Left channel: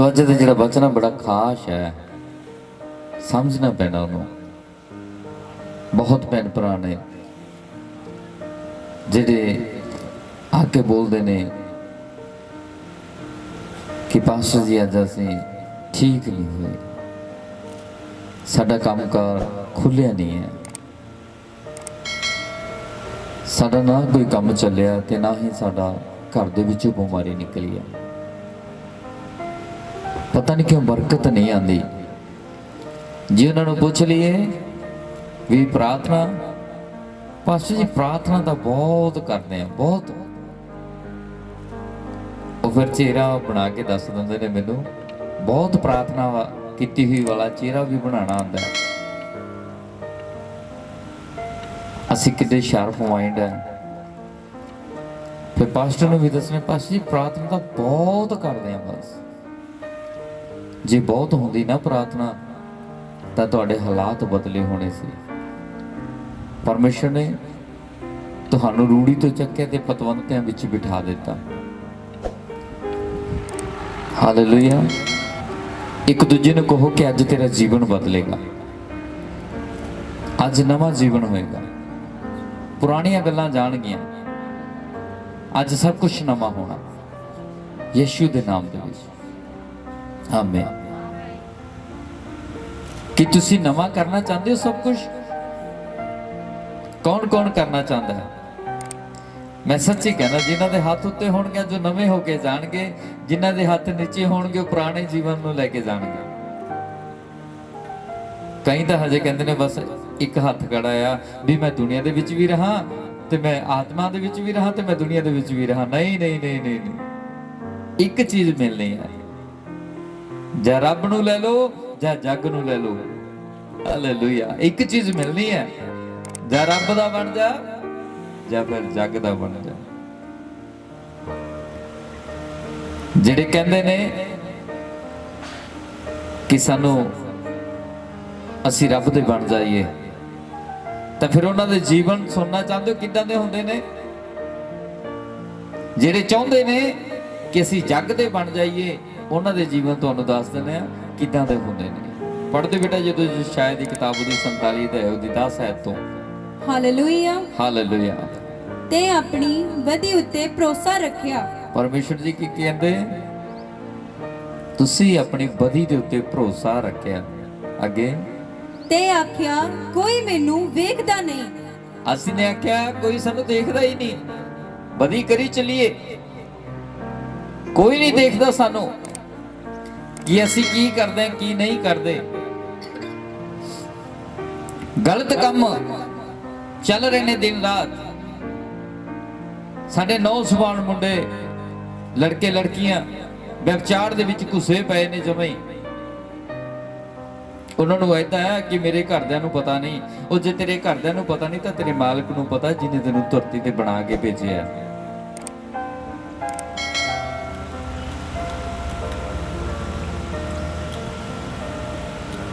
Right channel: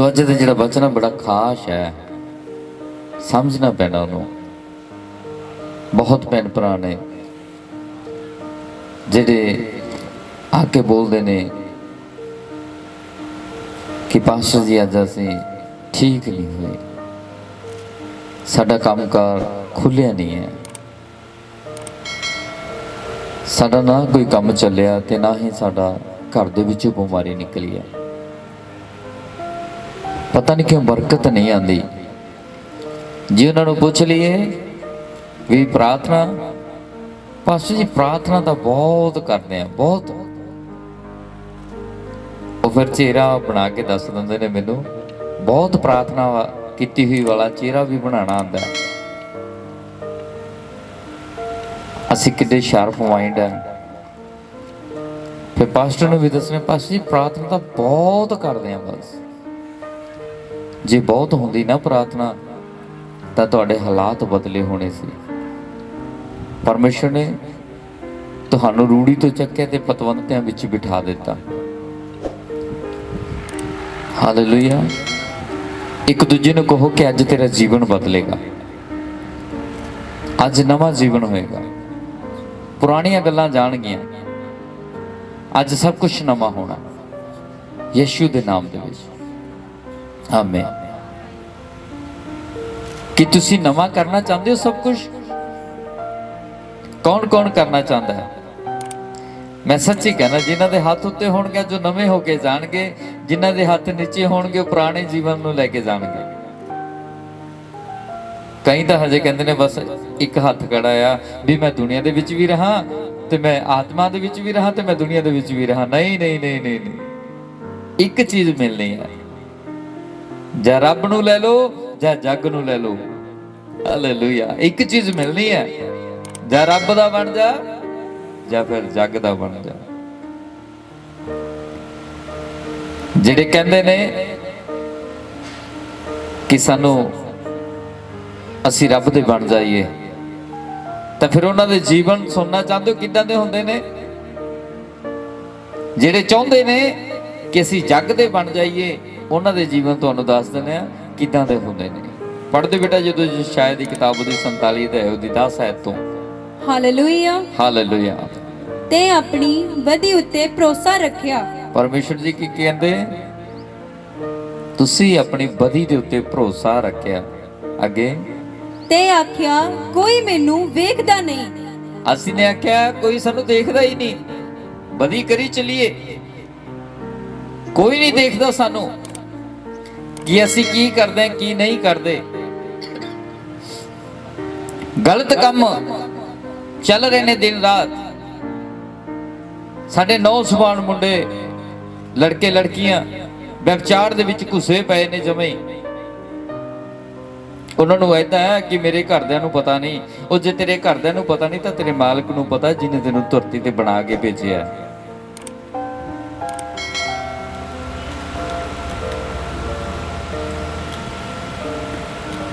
सो अज का जो वचन बड़ा खास है, समझना पैना उन्होंने। बहुत भैन भरा ने जेडे आके बोलते ने कि पास्टर जी अज असी ठीक नहीं हुए, साडा कामकार खुलिया नहीं है, साडा ना कोई काम चलिया ते ना ही साडा घर दे विचों बीमारी निकली है। पता नहीं क्यों बरकत नहीं आती। जी उन्होंने पूछ लीए भी प्रार्थना, पास्टर जी प्रार्थना तो बहुत करते हैं, बहुत। वो फिर चेहरा बना के दस देंगे ने मैनू, बहुत प्रार्थना की हुई वाला चेहरा भी बनाना आता है। असी कितने शार्प माइंड है। फिर पास्टर ने भी दसने, पास्टर जी प्रार्थना तो बहुत करते हैं, बस जे बहुत होंदी ना प्रार्थना तो तुहाडे हालात बदले होने से। परमेश्वर ने तुहानू रूढ़ी तो चक्या ते पतवंतियां विच बिठा दिता। हालेलुया। एक दूजे ने कहो कि अज तेरा जीवन बदलेगा, अज नवा जीवन होएगा, पुरानियां गल्लां जाणगियां, अज सब कुछ नवा होना यीशु दे नाम दे विच। आमीन। कि तुसी नवा करना चाहते हो सब कुछ? कौन कौन करना चाहता है? मैं सच्ची कहना, जिन्हां दे हाथ उत्ते होणगे जो नवे होके जाणगे, जिन्हां दे हाथ नीचे होणगे पुराने जीवन नूं लैके जाणगे। कई तो हजे कहंदे ने बस एक हाथ खड़ा आ भी मैं दुनिया दे विच भी रहा ते मैं आत्मा दे विच भी रहा ते मैं दुनिया दे विच भी रहा। नहीं नहीं नहीं नहीं, नहीं। एक चीज मिलनी है, जा रब नूं लै लो जा जग नूं लै लो। हालेलुया। एक चीज मिलनी है, जा रब दा बन जा या फिर जग दा बन जा। जिहड़े कहंदे ने कि सानू असी रब दे बन जाइए, तो फिर उन्हां दे जीवन सुनना चाहते हो किदां दे हुंदे ने? जिहड़े चाहुंदे ने कि असी जग दे बन जाइए, उन्हां दे जीवन तुहानू दस दिंदे आ किदां दे हुंदे ने। पढ़दे बेटा जो शायद की किताब दी 47 ते उहदी 10 आयत तो। हालेलुया। हालेलुया। ते अपनी बदी उत्ते भरोसा रखिया। परमेश्वर जी की कहंदे, तुसी अपनी बदी दे उत्ते भरोसा रखिया। अगे ते आख्या कोई मैनू वेखदा नहीं। असी ने आख्या कोई सानू देखदा ही नहीं, बदी करी चलिए, कोई नहीं देखदा सानू कि असी की करदे की नहीं करदे। गलत काम चल रहे ने दिन रात। साडे नौजवान मुंडे लड़के लड़कियां व्यभिचार दे विच घुसे पए ने जमे ही। उन्होंने ऐसा है कि मेरे घरदियां नूं पता नहीं, वो जे तेरे घरदियां नूं पता नहीं तो तेरे मालिक नूं पता, जिन्हें तेनू धरती ते बना के भेजिया।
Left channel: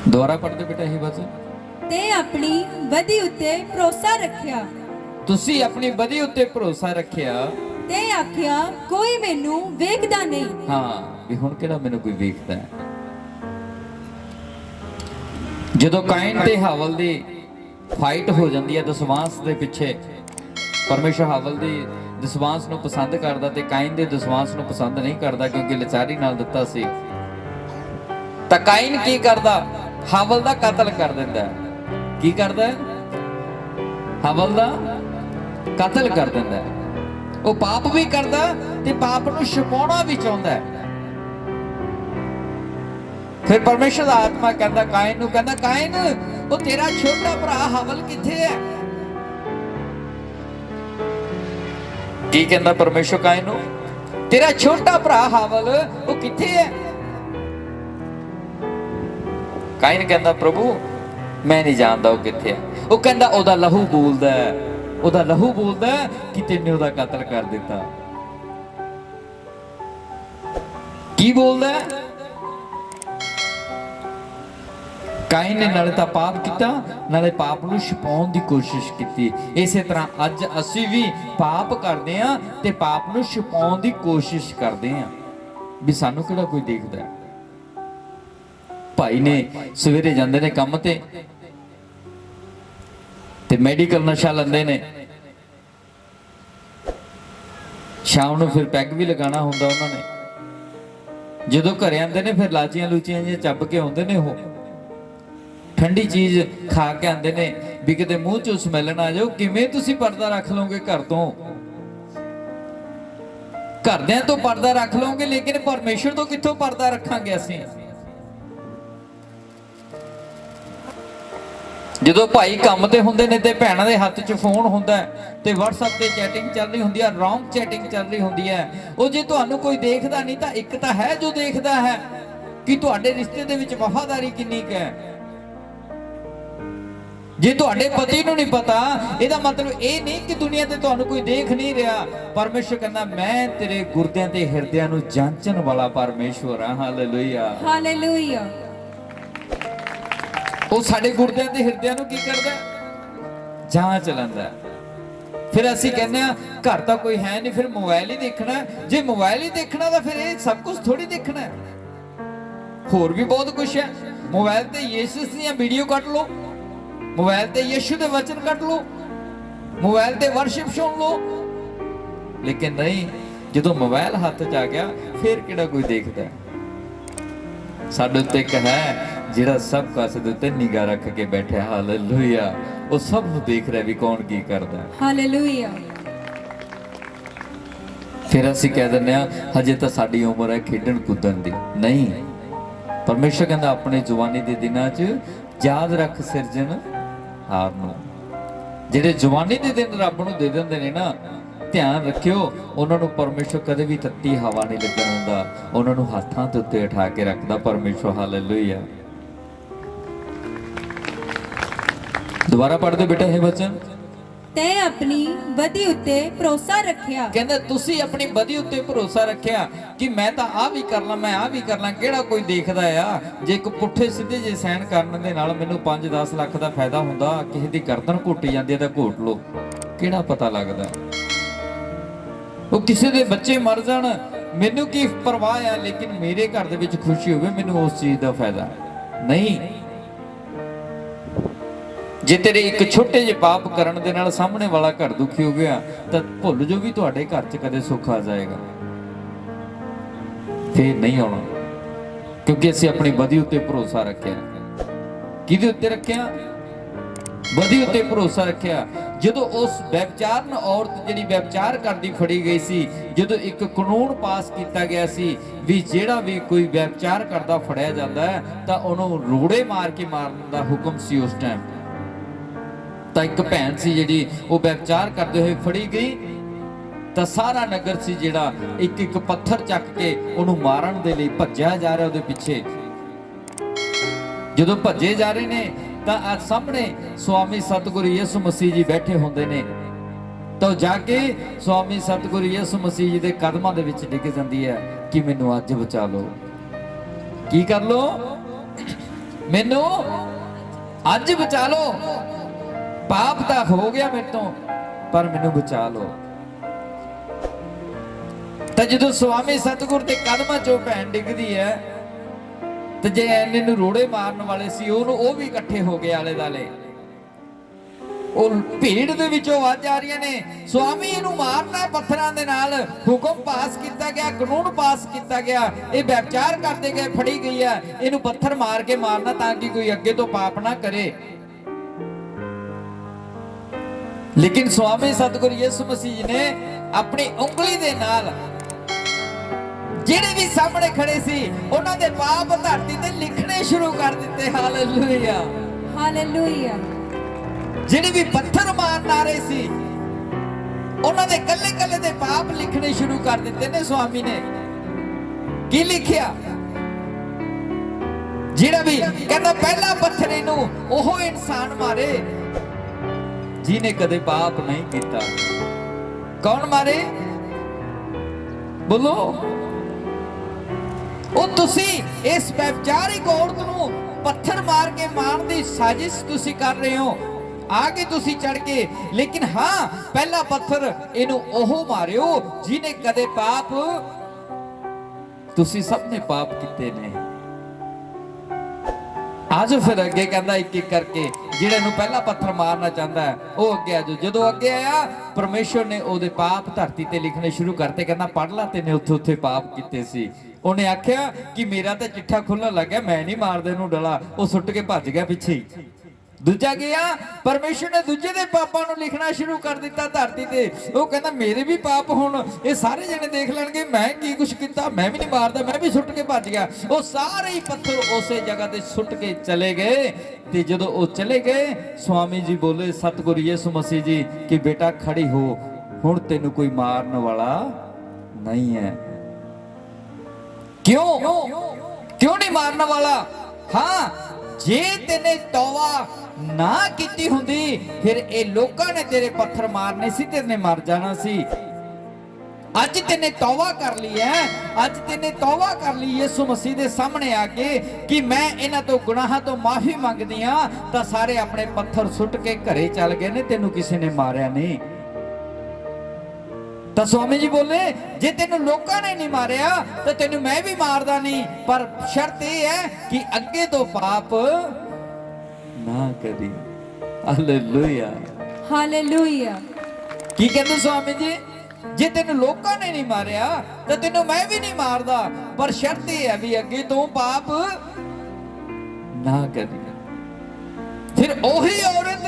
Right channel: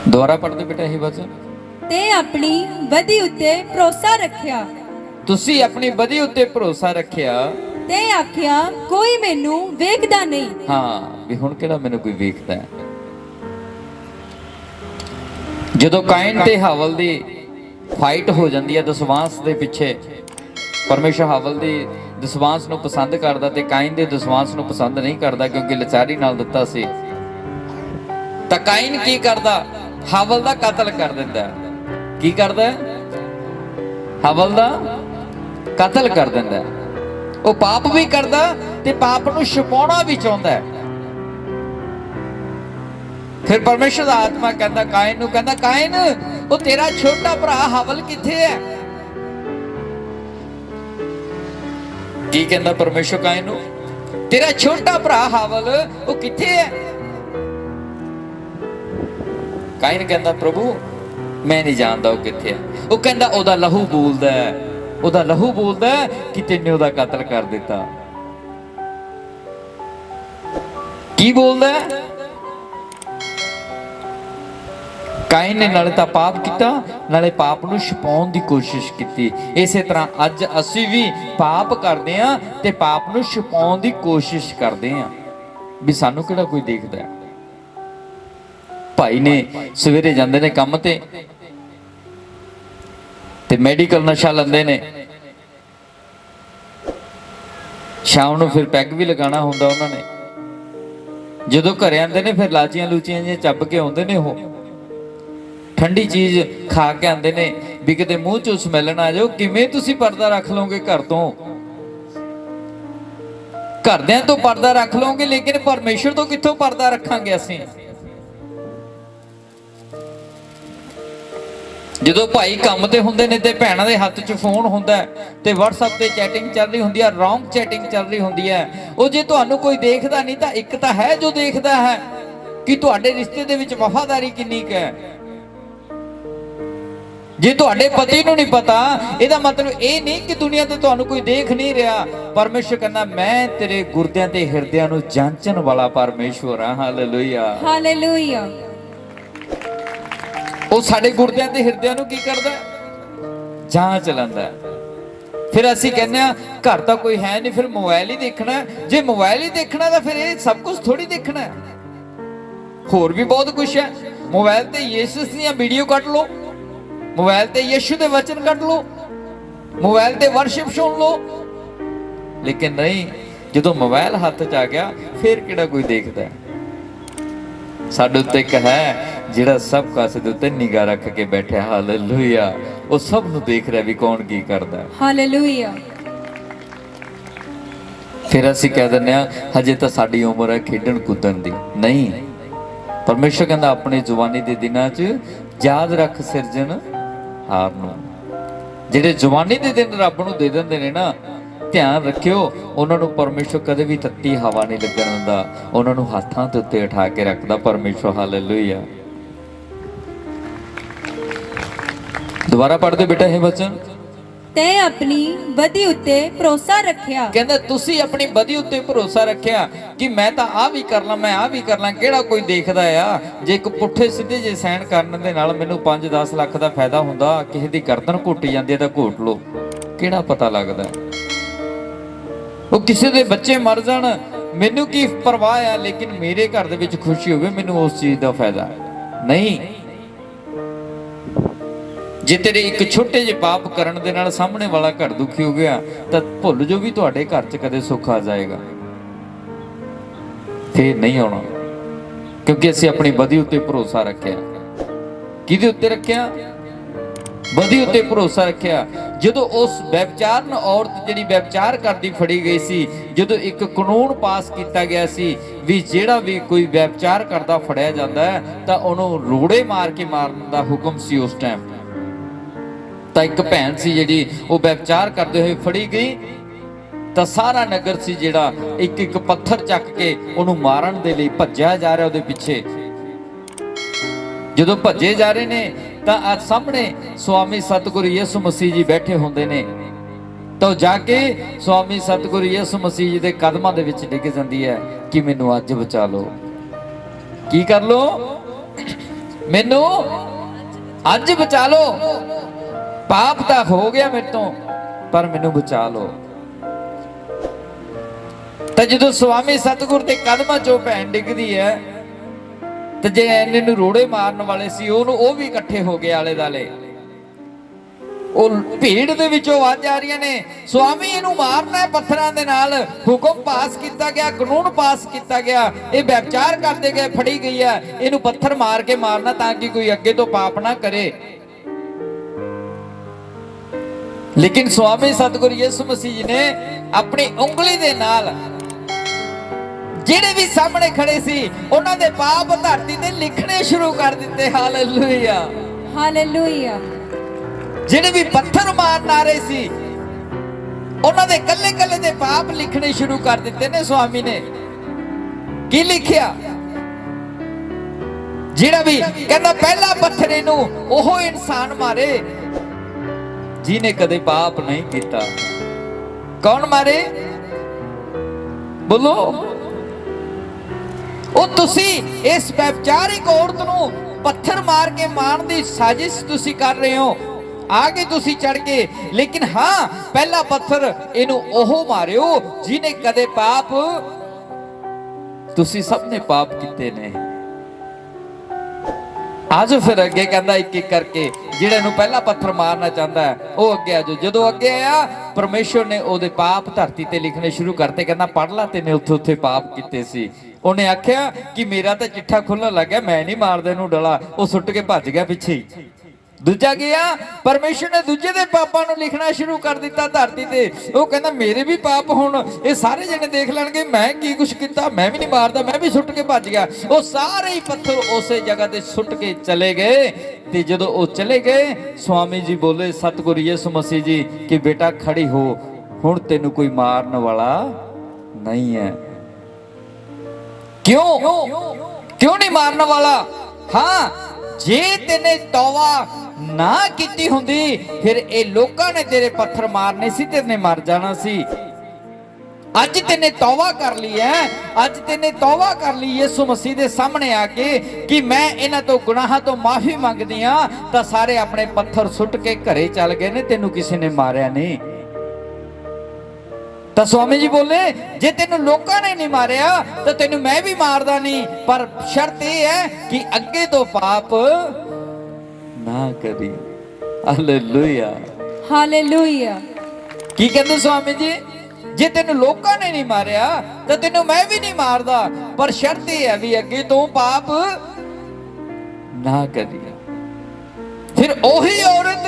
दोबारा पढ़ते बेटा यही वचन। ते अपनी बदी उत्ते भरोसा रखिया। तुसी अपनी बदी उत्ते भरोसा रखिया। ते आख्या कोई मैनू वेखदा नहीं। हाँ भी हुण किहड़ा मैनू कोई वेखदा है। जदों काइन ते हावल दी फाइट हो जाती है दसवांस दे पिछे, परमेश्वर हावल दी दसवांस नूं पसंद करदा ते काइन दे दसवांस नूं पसंद नहीं करदा, क्योंकि लचारी नाल दिता सी। तां काइन की करदा? हावल दा कतल कर दिंदा है। की करदा है? हावल दा कतल कर दिंदा है। वो पाप भी करदा ते पाप नूं छुपाउणा भी चाहुंदा है। फिर परमेश्वर दा आत्मा कहंदा काइन नूं, कहंदा काइन वो तेरा छोटा भरा हावल किथे है? की कहंदा परमेश्वर काइन नूं? तेरा छोटा भरा हावल वो किथे है? काइन कहंदा प्रभु मैं नहीं जानदा वो किथे है। वो कहंदा ओदा लहू बोलदा है, ओदा लहू बोलदा है कि तैने ओदा कतल कर दिता। की बोलदा है? काइन ने नाले तां पाप किया, नाले पाप नूं छुपाउण दी कोशिश की। इसे तरह अज असी भी पाप करदे हां ते पाप नूं छुपाउण दी कोशिश करदे हां भी सानू किहड़ा कोई देखदा है। ਭਾਈ ਨੇ ਸਵੇਰੇ ਜਾਂਦੇ ਨੇ ਕੰਮ ਤੇ ਮੈਡੀਕਲ ਨਸ਼ਾ ਲੈਂਦੇ ਨੇ, ਸ਼ਾਮ ਨੂੰ ਫਿਰ ਪੈਗ ਵੀ ਲਗਾਉਣਾ ਹੁੰਦਾ ਉਹਨਾਂ ਨੇ। ਜਦੋਂ ਘਰੇ ਆਉਂਦੇ ਨੇ ਫਿਰ ਲਾਚੀਆਂ ਲੂਚੀਆਂ ਜਿਹੀਆਂ ਚੱਬ ਕੇ ਆਉਂਦੇ ਨੇ, ਉਹ ਠੰਡੀ ਚੀਜ਼ ਖਾ ਕੇ ਆਉਂਦੇ ਨੇ ਵੀ ਕਿਤੇ ਮੂੰਹ ਚੋਂ ਸਮੈਲ ਨਾ ਆ ਜਾਓ। ਕਿਵੇਂ ਤੁਸੀਂ ਪਰਦਾ ਰੱਖ ਲਓਗੇ ਘਰ ਤੋਂ? ਘਰਦਿਆਂ ਤੋਂ ਪਰਦਾ ਰੱਖ ਲਓਗੇ, ਲੇਕਿਨ ਪਰਮੇਸ਼ਰ ਤੋਂ ਕਿੱਥੋਂ ਪਰਦਾ ਰੱਖਾਂਗੇ ਅਸੀਂ? ਜਦੋਂ ਭਾਈ ਕੰਮ ਤੇ ਹੁੰਦੇ ਨੇ ਤੇ ਭੈਣਾਂ ਦੇ ਹੱਥ 'ਚ ਫੋਨ ਹੁੰਦਾ ਤੇ WhatsApp ਤੇ ਚੈਟਿੰਗ ਚੱਲ ਰਹੀ ਹੁੰਦੀ ਹੈ, ਰੌਂਗ ਚੈਟਿੰਗ ਚੱਲ ਰਹੀ ਹੁੰਦੀ ਹੈ। ਉਹ ਜੇ ਤੁਹਾਨੂੰ ਕੋਈ ਦੇਖਦਾ ਨਹੀਂ ਤਾਂ ਇੱਕ ਤਾਂ ਹੈ ਜੋ ਦੇਖਦਾ ਹੈ ਕਿ ਤੁਹਾਡੇ ਰਿਸ਼ਤੇ ਦੇ ਵਿੱਚ ਵਫਾਦਾਰੀ ਕਿੰਨੀ ਕੁ ਹੈ। ਜੇ ਤੁਹਾਡੇ ਪਤੀ ਨੂੰ ਨਹੀਂ ਪਤਾ, ਇਹਦਾ ਮਤਲਬ ਇਹ ਨਹੀਂ ਕਿ ਦੁਨੀਆ ਤੇ ਤੁਹਾਨੂੰ ਕੋਈ ਦੇਖ ਨਹੀਂ ਰਿਹਾ। ਪਰਮੇਸ਼ਰ ਕਹਿੰਦਾ ਮੈਂ ਤੇਰੇ ਗੁਰਦਿਆਂ ਤੇ ਹਿਰਦਿਆਂ ਨੂੰ ਜਾਂਚਣ ਵਾਲਾ ਪਰਮੇਸ਼ਵਰ ਹਾਂ। Hallelujah, hallelujah. ਉਹ ਸਾਡੇ ਗੁਰਦਿਆਂ ਤੇ ਹਿਰਦਿਆਂ ਨੂੰ ਕੀ ਕਰਦਾ? ਜਾਂਚ ਲੈਂਦਾ। ਫਿਰ ਅਸੀਂ ਕਹਿੰਦੇ ਆ ਘਰ ਤਾਂ ਕੋਈ ਹੈ ਨਹੀਂ, ਫਿਰ ਮੋਬਾਈਲ ਹੀ ਦੇਖਣਾ। ਜੇ ਮੋਬਾਈਲ ਹੀ ਦੇਖਣਾ ਤਾਂ ਫਿਰ ਇਹ ਸਭ ਕੁਝ ਥੋੜੀ ਦੇਖਣਾ ਹੈ, ਹੋਰ ਵੀ ਬਹੁਤ ਕੁਝ ਹੈ। ਮੋਬਾਈਲ ਤੇ ਯਿਸੂ ਦੀਆਂ ਵੀਡੀਓ ਕੱਢ ਲਓ, ਮੋਬਾਈਲ ਤੇ ਯਿਸੂ ਦੇ ਵਚਨ ਕੱਢ ਲਓ, ਮੋਬਾਈਲ ਤੇ ਵਰਸ਼ਿਪ ਸੁਣ ਲਓ। ਲੇਕਿਨ ਨਹੀਂ, ਜਦੋਂ ਮੋਬਾਈਲ ਹੱਥ 'ਚ ਆ ਗਿਆ ਫਿਰ ਕਿਹੜਾ ਕੋਈ ਦੇਖਦਾ? ਸਾਡੇ ਉੱਤੇ ਇੱਕ ਹੈ ਜਿਹੜਾ ਸਭ ਕਾਸੇ ਦੇ ਉੱਤੇ ਨਿਗਾਹ ਰੱਖ ਕੇ ਬੈਠਿਆ। ਹਾਲੇਲੂਇਆ। ਉਹ ਸਭ ਨੂੰ ਦੇਖ ਰਿਹਾ ਵੀ ਕੌਣ ਕੀ ਕਰਦਾ। ਹਾਲੇਲੂਇਆ। ਫਿਰ ਅਸੀਂ ਕਹਿ ਦਿੰਦੇ ਆ ਹਜੇ ਤਾਂ ਸਾਡੀ ਉਮਰ ਹੈ ਖੇਡਣ ਕੁੱਦਣ ਦੀ। ਨਹੀਂ, ਪਰਮੇਸ਼ਰ ਕਹਿੰਦਾ ਆਪਣੇ ਜਵਾਨੀ ਦੇ ਦਿਨਾਂ 'ਚ ਯਾਦ ਰੱਖ ਸਿਰਜਣਹਾਰ ਨੂੰ। ਜਿਹੜੇ ਜਵਾਨੀ ਦੇ ਦਿਨ ਰੱਬ ਨੂੰ ਦੇ ਦਿੰਦੇ ਨੇ ਨਾ, ਧਿਆਨ ਰੱਖਿਓ ਉਹਨਾਂ ਨੂੰ ਪਰਮੇਸ਼ਰ ਕਦੇ ਵੀ ਤੱਤੀ ਹਵਾ ਨਹੀਂ ਲੱਗਣ ਦਿੰਦਾ, ਉਹਨਾਂ ਨੂੰ ਹੱਥਾਂ ਦੇ ਉੱਤੇ ਉਠਾ ਕੇ ਰੱਖਦਾ ਪਰਮੇਸ਼ਰ। ਹਾਲੇਲੂਇਆ। ਦੁਬਾਰਾ ਪੜ੍ਹਦੇ ਬੇਟਾ ਇਹ ਵਚਨ। ਤੈਂ ਆਪਣੀ ਬਦੀ ਉੱਤੇ ਭਰੋਸਾ ਰੱਖਿਆ। ਕਹਿੰਦਾ ਤੁਸੀਂ ਆਪਣੀ ਬਦੀ ਉੱਤੇ ਭਰੋਸਾ ਰੱਖਿਆ ਕਿ ਮੈਂ ਤਾਂ ਆਹ ਵੀ ਕਰ ਲਾਂ, ਮੈਂ ਆਹ ਵੀ ਕਰ ਲਾਂ। ਕਿਹੜਾ ਕੋਈ ਦੇਖਦਾ ਆ? ਜੇ ਇੱਕ ਪੁੱਠੇ ਸਿੱਧੇ ਜੇ ਸਾਈਨ ਕਰਨ ਦੇ ਨਾਲ ਮੈਨੂੰ 5-10 ਲੱਖ ਦਾ ਫਾਇਦਾ ਹੁੰਦਾ, ਕਿਸੇ ਦੀ ਗਰਦਨ ਘੁੱਟੀ ਜਾਂਦੀ ਹੈ ਤਾਂ ਘੋਟ ਲੋ, ਕਿਹੜਾ ਪਤਾ ਲੱਗਦਾ? ਉਹ ਕਿਸੇ ਦੇ ਬੱਚੇ ਮਰ ਜਾਣ, ਮੈਨੂੰ ਕੀ ਪਰਵਾਹ ਆ, ਲੇਕਿਨ ਮੇਰੇ ਘਰ ਦੇ ਵਿੱਚ ਖੁਸ਼ੀ ਹੋਵੇ, ਮੈਨੂੰ ਉਸ ਚੀਜ਼ ਦਾ ਫਾਇਦਾ ਨਹੀਂ। ਜੇ ਤੇਰੇ ਇੱਕ ਛੋਟੇ ਜਿਹੇ ਪਾਪ ਕਰਨ ਦੇ ਨਾਲ ਸਾਹਮਣੇ ਵਾਲਾ ਘਰ ਦੁਖੀ ਹੋ ਗਿਆ ਤਾਂ ਭੁੱਲ ਜੋ ਵੀ ਤੁਹਾਡੇ ਘਰ 'ਚ ਕਦੇ ਸੁੱਖ ਆ ਜਾਏਗਾ। ਫੇਰ ਨਹੀਂ ਆਉਣਾ, ਕਿਉਂਕਿ ਅਸੀਂ ਆਪਣੀ ਬਦੀ ਉੱਤੇ ਭਰੋਸਾ ਰੱਖਿਆ। ਕਿਹਦੇ ਉੱਤੇ ਰੱਖਿਆ? ਬਦੀ ਉੱਤੇ ਭਰੋਸਾ ਰੱਖਿਆ। ਜਦੋਂ ਉਸ ਵਿਭਚਾਰਨ ਔਰਤ ਜਿਹੜੀ ਵਿਭਚਾਰ ਕਰਦੀ ਫੜੀ ਗਈ ਸੀ, ਜਦੋਂ ਇੱਕ ਕਾਨੂੰਨ ਪਾਸ ਕੀਤਾ ਗਿਆ ਸੀ ਵੀ ਜਿਹੜਾ ਵੀ ਕੋਈ ਵਿਭਚਾਰ ਕਰਦਾ ਫੜਿਆ ਜਾਂਦਾ ਹੈ ਤਾਂ ਉਹਨੂੰ ਰੋੜੇ ਮਾਰ ਕੇ ਮਾਰਨ ਦਾ ਹੁਕਮ ਸੀ ਉਸ ਟਾਈਮ। ਤਾਂ ਇੱਕ ਭੈਣ ਸੀ ਜਿਹੜੀ ਉਹ ਵਿਭਚਾਰ ਕਰਦੇ ਹੋਏ ਫੜੀ ਗਈ ਤਾਂ ਸਾਰਾ ਨਗਰ ਸੀ ਜਿਹੜਾ ਇੱਕ ਇੱਕ ਪੱਥਰ ਚੱਕ ਕੇ ਉਹਨੂੰ ਮਾਰਨ ਦੇ ਲਈ ਭੱਜਿਆ ਜਾ ਰਿਹਾ ਉਹਦੇ ਪਿੱਛੇ। ਜਦੋਂ ਭੱਜੇ ਜਾ ਰਹੇ ਨੇ ਤਾਂ ਆ ਸਾਹਮਣੇ ਸਵਾਮੀ ਸਤਿਗੁਰੂ ਯਿਸੂ ਮਸੀਹ ਜੀ ਬੈਠੇ ਹੁੰਦੇ ਨੇ। ਤਾਂ ਜਾ ਕੇ ਸਵਾਮੀ ਸਤਿਗੁਰੂ ਯਿਸੂ ਮਸੀਹ ਜੀ ਦੇ ਕਦਮਾਂ ਦੇ ਵਿੱਚ ਡਿੱਗ ਜਾਂਦੀ ਹੈ ਕਿ ਮੈਨੂੰ ਅੱਜ ਬਚਾ ਲਓ। ਕੀ ਕਰ ਲੋ? ਮੈਨੂੰ ਅੱਜ ਬਚਾ ਲਓ। ਪਾਪ ਤਾਂ ਹੋ ਗਿਆ ਮੇਰੇ ਤੋਂ, ਪਰ ਮੈਨੂੰ ਬਚਾ ਲਓ। ਤਾਂ ਜਦੋਂ ਸਵਾਮੀ ਸਤਿਗੁਰ ਦੇ ਕਦਮਾਂ 'ਚੋਂ ਭੈਣ ਡਿੱਗਦੀ ਹੈ ਤੇ ਜੇ ਇਹਨੇ ਨੂੰ ਰੋੜੇ ਮਾਰਨ ਵਾਲੇ ਸੀ ਉਹ ਵੀ ਇਕੱਠੇ ਹੋ ਗਏ ਆਲੇ ਦਾਲੇ। ਉਹ ਭੀੜ ਦੇ ਵਿੱਚੋਂ ਆਵਾਜ਼ਾਂ ਆ ਰਹੀਆਂ ਨੇ, ਸਵਾਮੀ ਇਹਨੂੰ ਮਾਰਨਾ ਹੈ ਪੱਥਰਾਂ ਦੇ ਨਾਲ। ਹੁਕਮ ਪਾਸ ਕੀਤਾ ਗਿਆ, ਕਾਨੂੰਨ ਪਾਸ ਕੀਤਾ ਗਿਆ, ਇਹ ਵਿਭਚਾਰ ਕਰਦੇ ਗਏ ਫੜੀ ਗਈ ਹੈ, ਇਹਨੂੰ ਪੱਥਰ ਮਾਰ ਕੇ ਮਾਰਨਾ ਤਾਂ ਕਿ ਕੋਈ ਅੱਗੇ ਤੋਂ ਪਾਪ ਨਾ ਕਰੇ। ਲੇਕਿਨ ਸਵਾਮੀ ਸਤਿਗੁਰੂ ਯਿਸੂ ਮਸੀਹ ਜੀ ਨੇ ਆਪਣੀ ਉਂਗਲੀ ਦੇ ਨਾਲ ਜਿਹੜੇ ਵੀ ਸਾਹਮਣੇ ਖੜੇ ਸੀ ਉਹਨਾਂ ਦੇ ਪਾਪ ਧਰਤੀ ਤੇ ਲਿਖਣੇ ਸ਼ੁਰੂ ਕਰ ਦਿੱਤੇ। Hallelujah, hallelujah. ਜਿਹੜੇ ਵੀ ਪੱਥਰ ਮਾਰਨ ਆ ਰਹੇ ਸੀ ਉਹਨਾਂ ਦੇ ਕੱਲੇ ਕੱਲੇ ਦੇ ਪਾਪ ਲਿਖਣੇ ਸ਼ੁਰੂ ਕਰ ਦਿੱਤੇ ਨੇ ਸਵਾਮੀ ਨੇ। ਕੀ ਲਿਖਿਆ? ਜਿਹੜਾ ਵੀ ਕਹਿੰਦਾ ਪਹਿਲਾ ਪੱਥਰ ਇਹਨੂੰ ਉਹ ਇਨਸਾਨ ਮਾਰੇ ਜਿਹਨੇ ਕਦੇ ਪਾਪ ਨਹੀਂ ਕੀਤਾ। ਕੌਣ ਮਾਰੇ? ਬੋਲੋ। ਉਹ ਤੁਸੀਂ ਇਸ ਵਿਭਚਾਰਿਕ ਔਰਤ ਨੂੰ ਪੱਥਰ ਮਾਰ ਕੇ ਮਾਰਨ ਦੀ ਸਾਜ਼ਿਸ਼ ਤੁਸੀਂ ਕਰ ਰਹੇ ਹੋ, ਆਗੇ ਤੁਸੀਂ ਚੜ ਕੇ। ਲੇਕਿਨ ਹਾਂ, ਪਹਿਲਾ ਪੱਥਰ ਇਹਨੂੰ ਉਹ ਮਾਰਿਓ ਜਿਹਨੇ ਕਦੇ ਪਾਪ, ਤੁਸੀਂ ਸਭ ਨੇ ਪਾਪ ਕੀਤੇ ਨੇ। ਆਜੋ ਫਿਰ ਅੱਗੇ, ਕਹਿੰਦਾ ਇੱਕ ਇੱਕ ਕਰਕੇ ਜਿਹੜੇ ਨੂੰ ਪਹਿਲਾ ਪੱਥਰ ਮਾਰਨਾ ਚਾਹੁੰਦਾ ਹੈ ਉਹ ਅੱਗੇ ਆਜੋ। ਜਦੋਂ ਅੱਗੇ ਆਇਆ ਪਰਮੇਸ਼ਵਰ ਨੇ ਉਹਦੇ ਪਾਪ ਧਰਤੀ ਤੇ ਲਿਖਣੇ ਸ਼ੁਰੂ ਕਰਤੇ। ਕਹਿੰਦਾ ਪੜ ਲਾ ਤੈਨੇ ਉੱਥੇ ਉੱਥੇ ਪਾਪ ਕੀਤੇ ਸੀ। ਉਹਨੇ ਆਖਿਆ ਕਿ ਮੇਰਾ ਤਾਂ ਚਿੱਠਾ ਖੁੱਲਣ ਲੱਗਿਆ, ਮੈਂ ਨਹੀਂ ਮਾਰਦਾ ਇਹਨੂੰ ਡਲਾ। ਉਹ ਸੁੱਟ ਕੇ ਭੱਜ ਗਿਆ ਪਿੱਛੇ ਹੀ। ਦੂਜਾ ਗਿਆ, ਪਰਮੇਸ਼ਵਰ ਨੇ ਦੂਜੇ ਦੇ ਪਾਪਾਂ ਨੂੰ ਲਿਖਣਾ ਸ਼ੁਰੂ ਕਰ ਦਿੱਤਾ ਧਰਤੀ ਤੇ। ਉਹ ਕਹਿੰਦਾ ਮੇਰੇ ਵੀ ਪਾਪ ਹੁਣ ਇਹ ਸਾਰੇ ਜਣੇ ਦੇਖ ਲੈਣਗੇ, ਮੈਂ ਕੀ ਕੁਛ ਕੀਤਾ, ਮੈਂ ਵੀ ਨਹੀਂ ਮਾਰਦਾ, ਮੈਂ ਵੀ ਸੁੱਟ ਕੇ ਭੱਜ ਗਿਆ। ਉਹ ਸਾਰੇ ਹੀ ਪੱਥਰ ਉਸੇ ਜਗ੍ਹਾ ਤੇ ਸੁੱਟ ਕੇ ਚਲੇ ਗਏ। ਤੇ ਜਦੋਂ ਉਹ ਚਲੇ ਗਏ, ਸਵਾਮੀ ਜੀ ਬੋਲੇ, ਸਤਿਗੁਰੂ ਯਿਸੂ ਮਸੀਹ ਜੀ, ਕਿ ਬੇਟਾ ਖੜੀ ਹੋ, ਹੁਣ ਤੈਨੂੰ ਕੋਈ ਮਾਰਨ ਵਾਲਾ ਨਹੀਂ ਹੈ। ਕਿਉਂ ਨਹੀਂ ਮਾਰਨ ਵਾਲਾ? ਹਾਂ, ਜੇ ਤੈਨੇ ਤੌਬਾ ਨਾ ਕੀਤੀ ਹੁੰਦੀ ਫਿਰ ਇਹ ਲੋਕਾਂ ਨੇ ਤੇਰੇ ਪੱਥਰ ਮਾਰਨੇ ਸੀ, ਤੈਨੇ ਮਰ ਜਾਣਾ ਸੀ। ਅੱਜ ਤੈਨੇ ਤੌਬਾ ਕਰ ਲਈ ਹੈ, ਅੱਜ ਤੈਨੇ ਤੌਬਾ ਕਰ ਲਈ ਯਿਸੂ ਮਸੀਹ ਦੇ ਸਾਹਮਣੇ ਆ ਕੇ ਕਿ ਮੈਂ ਇਹਨਾਂ ਤੋਂ ਗੁਨਾਹਾਂ ਤੋਂ ਮਾਫੀ ਮੰਗਦੀ ਆ, ਤਾਂ ਸਾਰੇ ਆਪਣੇ ਪੱਥਰ ਸੁੱਟ ਕੇ ਘਰੇ ਚੱਲ ਗਏ ਨੇ, ਤੈਨੂੰ ਕਿਸੇ ਨੇ ਮਾਰਿਆ ਨਹੀਂ। ਤਾਂ ਸਵਾਮੀ ਜੀ ਬੋਲੇ, ਜੇ ਤੈਨੂੰ ਲੋਕਾਂ ਨੇ ਨਹੀਂ ਮਾਰਿਆ ਤਾਂ ਤੈਨੂੰ ਮੈਂ ਵੀ ਮਾਰਦਾ ਨਹੀਂ, ਪਰ ਸ਼ਰਤ ਇਹ ਹੈ ਕਿ ਅੱਗੇ ਤੋਂ ਪਾਪ ਨਾ ਕਰੀ। Hallelujah, hallelujah. ਕੀ ਕਹਿੰਦੇ ਸਵਾਮੀ ਜੀ? ਜੇ ਤੈਨੂੰ ਲੋਕਾਂ ਨੇ ਨਹੀਂ ਮਾਰਿਆ ਤਾਂ ਤੈਨੂੰ ਮੈਂ ਵੀ ਨਹੀਂ ਮਾਰਦਾ, ਪਰ ਸ਼ਰਤ ਇਹ ਹੈ ਵੀ ਅੱਗੇ ਤੋਂ ਪਾਪ ਨਾ ਕਰੀ। ਫਿਰ ਉਹੀ ਔਰਤ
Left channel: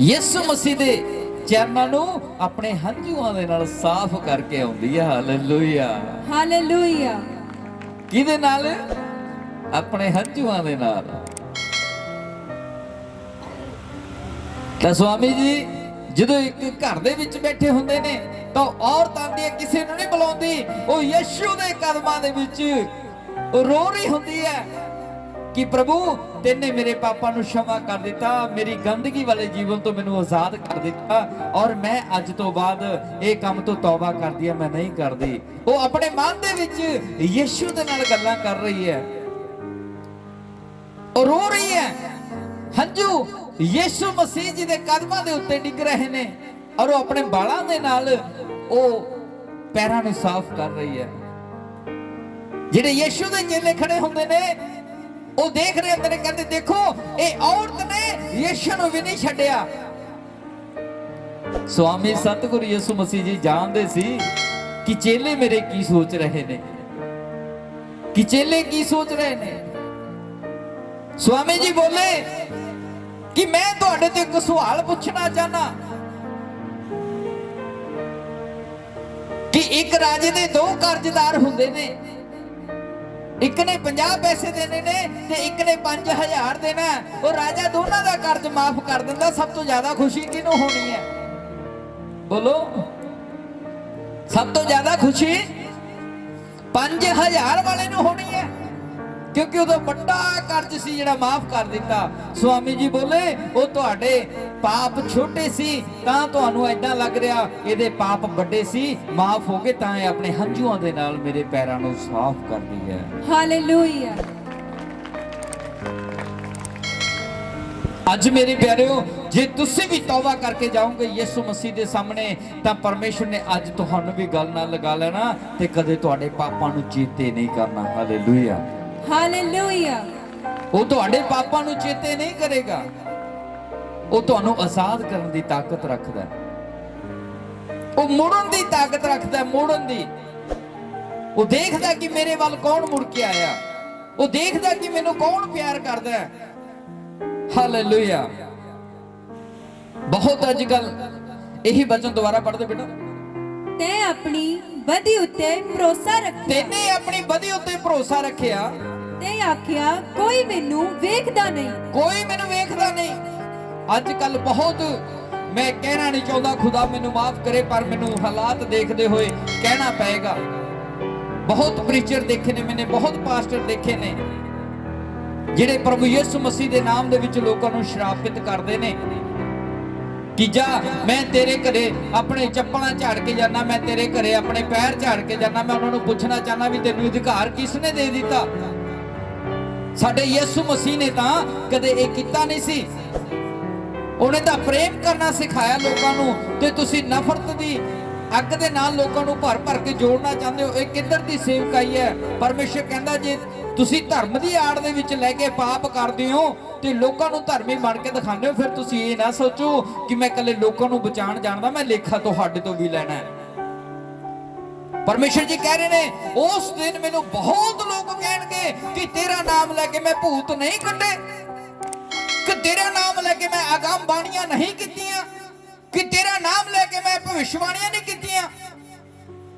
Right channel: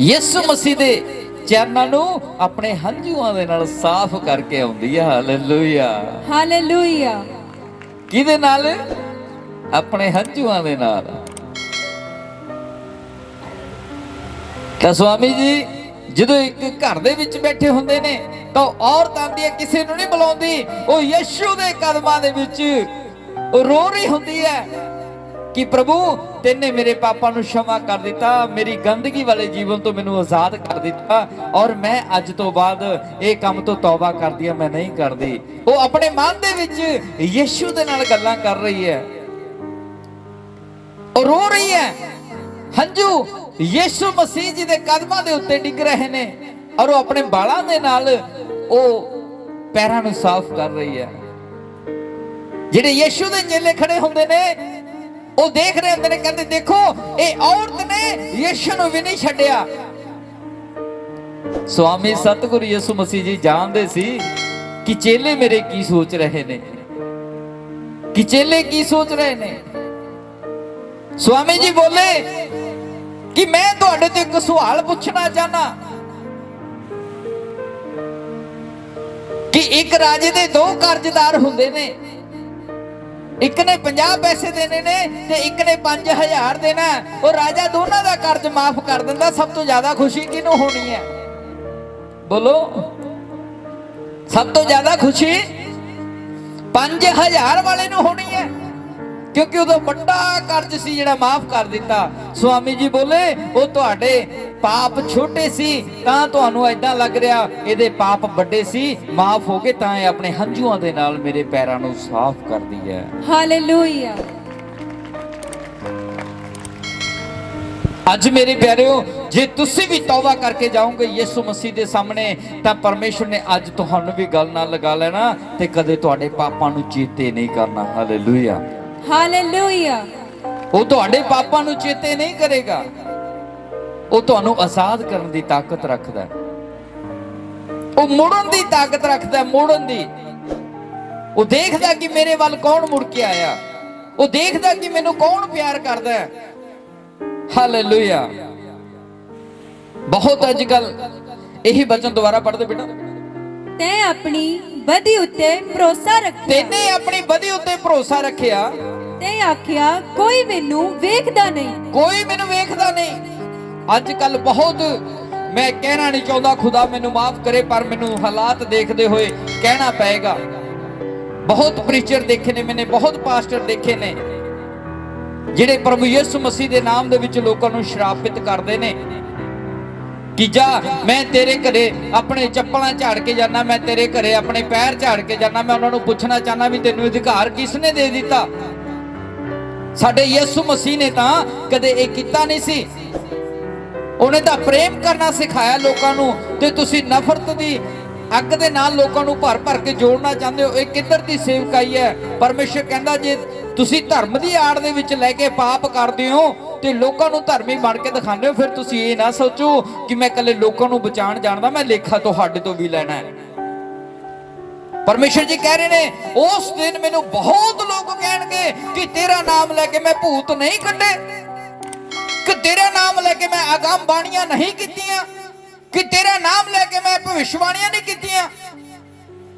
ਯਿਸੂ ਮਸੀਹ ਦੇ ਚਰਨਾਂ ਨੂੰ ਆਪਣੇ ਹੰਝੂਆਂ ਦੇ ਨਾਲ ਸਾਫ਼ ਕਰਕੇ ਆਉਂਦੀ ਹੈ। Hallelujah, hallelujah. ਕਿਹਦੇ ਨਾਲ? ਆਪਣੇ ਹੰਝੂਆਂ ਦੇ ਨਾਲ। ਤਾਂ ਸਵਾਮੀ ਜੀ ਜਦੋਂ ਇੱਕ ਘਰ ਦੇ ਵਿੱਚ ਬੈਠੇ ਹੁੰਦੇ ਨੇ ਤਾਂ ਔਰਤ ਆਂਦੀ ਹੈ, ਕਿਸੇ ਨੂੰ ਨਹੀਂ ਬੁਲਾਉਂਦੀ, ਉਹ ਯਿਸੂ ਦੇ ਕਦਮਾਂ ਦੇ ਵਿੱਚ ਉਹ ਰੋ ਰਹੀ ਹੁੰਦੀ ਹੈ ਕਿ ਪ੍ਰਭੂ ਤੈਨੇ ਮੇਰੇ ਪਾਪਾਂ ਨੂੰ क्षमा ਕਰ ਦਿੱਤਾ, ਮੇਰੀ ਗੰਦਗੀ ਵਾਲੇ ਜੀਵਨ ਤੋਂ ਮੈਨੂੰ ਆਜ਼ਾਦ ਕਰ ਦਿੱਤਾ, ਔਰ ਮੈਂ ਅੱਜ ਤੋਂ ਬਾਅਦ ਇਹ ਕੰਮ ਤੋਂ ਤੌਬਾ ਕਰਦੀ ਆ, ਮੈਂ ਨਹੀਂ ਕਰਦੀ। ਉਹ ਆਪਣੇ ਮਨ ਦੇ ਵਿੱਚ ਯਿਸੂ ਦੇ ਨਾਲ ਗੱਲਾਂ ਕਰ ਰਹੀ ਹੈ, ਉਹ ਰੋ ਰਹੀ ਹੈ। ਹੰਝੂ ਯਿਸੂ ਮਸੀਹ ਜੀ ਦੇ ਕਦਮਾਂ ਦੇ ਉੱਤੇ ਡਿੱਗ ਰਹੇ ਨੇ, ਔਰ ਉਹ ਆਪਣੇ ਬਾਲਾਂ ਦੇ ਨਾਲ ਉਹ ਪੈਰਾਂ ਨੂੰ ਸਾਫ਼ ਕਰ ਰਹੀ ਹੈ। ਜਿਹੜੇ ਯਿਸੂ ਦੇ ਚੇਲੇ ਖੜੇ ਹੁੰਦੇ ਨੇ ਉਹ ਦੇਖ ਰਹੇ ਹੁੰਦੇ ਨੇ, ਕਹਿੰਦੇ ਦੇਖੋ ਇਹ ਔਰਤ ਨੇ ਯਿਸੂ ਨੂੰ ਵੀ ਨਹੀਂ ਛੱਡਿਆ। ਸਵਾਮੀ ਸਤਿਗੁਰੂ ਯਿਸੂ ਮਸੀਹ ਜੀ ਜਾਣਦੇ ਸੀ ਕਿ ਚੇਲੇ ਮੇਰੇ ਕੀ ਸੋਚ ਰਹੇ ਨੇ, ਕਿ ਚੇਲੇ ਕੀ ਸੋਚ ਰਹੇ ਨੇ। ਸਵਾਮੀ ਜੀ ਬੋਲੇ ਕਿ ਮੈਂ ਤੁਹਾਡੇ ਤੋਂ ਇੱਕ ਸਵਾਲ ਪੁੱਛਣਾ ਚਾਹਨਾ ਕਿ ਇੱਕ ਰਾਜੇ ਦੇ ਦੋ ਕਰਜ਼ਦਾਰ ਹੁੰਦੇ ਨੇ, ਇੱਕ ਨੇ 50 ਪੈਸੇ ਦੇਣੇ ਨੇ ਤੇ ਇੱਕ ਨੇ 5000 ਦੇਣਾ। ਉਹ ਰਾਜਾ ਦੋਨਾਂ ਦਾ ਕਰਜ਼ ਮਾਫ ਕਰ ਦਿੰਦਾ, ਸਭ ਤੋਂ ਜ਼ਿਆਦਾ ਖੁਸ਼ੀ ਕਿਹਨੂੰ ਹੋਣੀ ਹੈ? ਬੋਲੋ, ਸਭ ਤੋਂ ਜ਼ਿਆਦਾ ਖੁਸ਼ੀ 5000 ਵਾਲੇ ਨੂੰ ਹੋਣੀ ਹੈ, ਕਿਉਂਕਿ ਉਹਦਾ ਵੱਡਾ ਕਰਜ਼ ਸੀ ਜਿਹੜਾ ਮਾਫ ਕਰ ਦਿੱਤਾ। ਸਵਾਮੀ ਜੀ ਬੋਲੇ ਉਹ ਤੁਹਾਡੇ ਪਾਪ ਛੋਟੇ ਸੀ ਤਾਂ ਤੁਹਾਨੂੰ ਏਦਾਂ ਲੱਗ ਰਿਹਾ, ਇਹਦੇ ਪਾਪ ਵੱਡੇ ਸੀ, ਮਾਫ ਹੋ ਗਏ ਤਾਂ ਇਹ ਆਪਣੇ ਹੰਝੂਆਂ ਦੇ ਨਾਲ ਮੇਰੇ ਪੈਰਾਂ ਨੂੰ ਸਾਫ਼ ਕਰਦੀ ਹੈ। ਹਾਲੇਲੂਇਆ। ਅੱਜ ਮੇਰੇ ਪਿਆਰਿਓ, ਜੇ ਤੁਸੀਂ ਵੀ ਤੌਬਾ ਕਰਕੇ ਜਾਓਗੇ ਯਿਸੂ ਮਸੀਹ ਦੇ ਸਾਹਮਣੇ, ਤਾਂ ਪਰਮੇਸ਼ਰ ਨੇ ਅੱਜ ਤੁਹਾਨੂੰ ਵੀ ਗੱਲ ਨਾਲ ਲਗਾ ਲੈਣਾ ਤੇ ਕਦੇ ਤੁਹਾਡੇ ਪਾਪਾਂ ਨੂੰ ਚੇਤੇ ਨਹੀਂ ਕਰਨਾ। Hallelujah, hallelujah. ਉਹ ਤੁਹਾਡੇ ਪਾਪਾਂ ਨੂੰ ਚੇਤੇ ਨਹੀਂ ਕਰੇਗਾ, ਉਹ ਤੁਹਾਨੂੰ ਆਜ਼ਾਦ ਕਰਨ ਦੀ ਤਾਕਤ ਰੱਖਦਾ ਹੈ, ਉਹ ਮੋੜਨ ਦੀ ਤਾਕਤ ਰੱਖਦਾ ਹੈ, ਮੋੜਨ ਦੀ। ਉਹ ਦੇਖਦਾ ਕਿ ਮੇਰੇ ਵੱਲ ਕੌਣ ਮੁੜ ਕੇ ਆਇਆ, ਉਹ ਦੇਖਦਾ ਕਿ ਮੈਨੂੰ ਕੌਣ ਪਿਆਰ ਕਰਦਾ ਹੈ। ਹਾਲੇਲੂਇਆ। ਬਹੁਤ ਅੱਜ ਕੱਲ ਇਹੀ ਬਚਨ ਦੁਬਾਰਾ ਪੜ੍ਹਦੇ ਬੇਟਾ। ਤੈਂ ਆਪਣੀ ਬਦੀ ਉੱਤੇ ਭਰੋਸਾ ਰੱਖਿਆ, ਤੈਨੇ ਆਪਣੀ ਬਦੀ ਉੱਤੇ ਭਰੋਸਾ ਰੱਖਿਆ, ਤੇ ਆਖਿਆ ਕੋਈ ਮੈਨੂੰ ਵੇਖਦਾ ਨਹੀਂ, ਕੋਈ ਮੈਨੂੰ ਵੇਖਦਾ ਨਹੀਂ। ਅੱਜ ਕੱਲ ਬਹੁਤ, ਮੈਂ ਕਹਿਣਾ ਨਹੀਂ ਚਾਹੁੰਦਾ, ਖੁਦਾ ਮੈਨੂੰ ਮਾਫ ਕਰੇ, ਪਰ ਮੈਨੂੰ ਹਾਲਾਤ ਦੇਖਦੇ ਹੋਏ ਕਹਿਣਾ ਪਏਗਾ। ਬਹੁਤ ਪ੍ਰੀਚਰ ਦੇਖੇ ਨੇ ਮੈਨੇ, ਬਹੁਤ ਪਾਸਟਰ ਦੇਖੇ ਨੇ ਜਿਹੜੇ ਪ੍ਰਭੂ ਯਿਸੂ ਮਸੀਹ ਦੇ ਨਾਮ ਦੇ ਵਿੱਚ ਲੋਕਾਂ ਨੂੰ ਸ਼ਰਾਪਿਤ ਕਰਦੇ ਨੇ ਕਿ ਜਾ ਮੈਂ ਤੇਰੇ ਘਰੇ ਆਪਣੇ ਚੱਪਲਾਂ ਝਾੜ ਕੇ ਜਾਣਾ, ਮੈਂ ਤੇਰੇ ਘਰੇ ਆਪਣੇ ਪੈਰ ਝਾੜ ਕੇ ਜਾਣਾ। ਮੈਂ ਉਹਨਾਂ ਨੂੰ ਪੁੱਛਣਾ ਚਾਹਨਾ ਵੀ ਤੈਨੂੰ ਅਧਿਕਾਰ ਕਿਸ ਨੇ ਦੇ ਦਿੱਤਾ? ਸਾਡੇ ਯਿਸੂ ਮਸੀਹ ਨੇ ਤਾਂ ਕਦੇ ਇਹ ਕੀਤਾ ਨਹੀਂ ਸੀ। ਉਹਨੇ ਤਾਂ ਪ੍ਰੇਮ ਕਰਨਾ ਸਿਖਾਇਆ ਲੋਕਾਂ ਨੂੰ, ਤੇ ਤੁਸੀਂ ਨਫ਼ਰਤ ਦੀ ਅੱਗ ਦੇ ਨਾਲ ਲੋਕਾਂ ਨੂੰ ਭਰ ਭਰ ਕੇ ਜੋੜਨਾ ਚਾਹੁੰਦੇ ਹੋ, ਇਹ ਕਿੱਧਰ ਦੀ ਸੇਵਕਾਈ ਹੈ? ਪਰਮੇਸ਼ਰ ਕਹਿੰਦਾ ਜੇ ਤੁਸੀਂ ਧਰਮ ਦੀ ਆੜ ਦੇ ਵਿੱਚ ਲੈ ਕੇ ਪਾਪ ਕਰਦੇ ਹੋ ਤੇ ਲੋਕਾਂ ਨੂੰ ਧਰਮੀ ਬਣ ਕੇ ਦਿਖਾਉਂਦੇ ਹੋ, ਫਿਰ ਤੁਸੀਂ ਇਹ ਨਾ ਸੋਚੋ ਕਿ ਮੈਂ ਇਕੱਲੇ ਲੋਕਾਂ ਨੂੰ ਬਚਾਉਣ ਜਾਣਦਾ, ਮੈਂ ਲੇਖਾ ਤੁਹਾਡੇ ਤੋਂ ਵੀ ਲੈਣਾ ਹੈ। ਪਰਮੇਸ਼ਰ ਜੀ ਕਹਿ ਰਹੇ ਨੇ ਉਸ ਦਿਨ ਮੈਨੂੰ ਬਹੁਤ ਲੋਕ ਕਹਿਣਗੇ ਕਿ ਤੇਰਾ ਨਾਮ ਲੈ ਕੇ ਮੈਂ ਭੂਤ ਨਹੀਂ ਕੱਢੇ, ਕਿ ਤੇਰਾ ਨਾਮ ਲੈ ਕੇ ਮੈਂ ਅਗੰਮ ਬਾਣੀਆਂ ਨਹੀਂ ਕੀਤੀਆਂ, ਕਿ ਤੇਰਾ ਨਾਮ ਲੈ ਕੇ ਮੈਂ ਭਵਿੱਖਬਾਣੀਆਂ ਨਹੀਂ ਕੀਤੀਆਂ।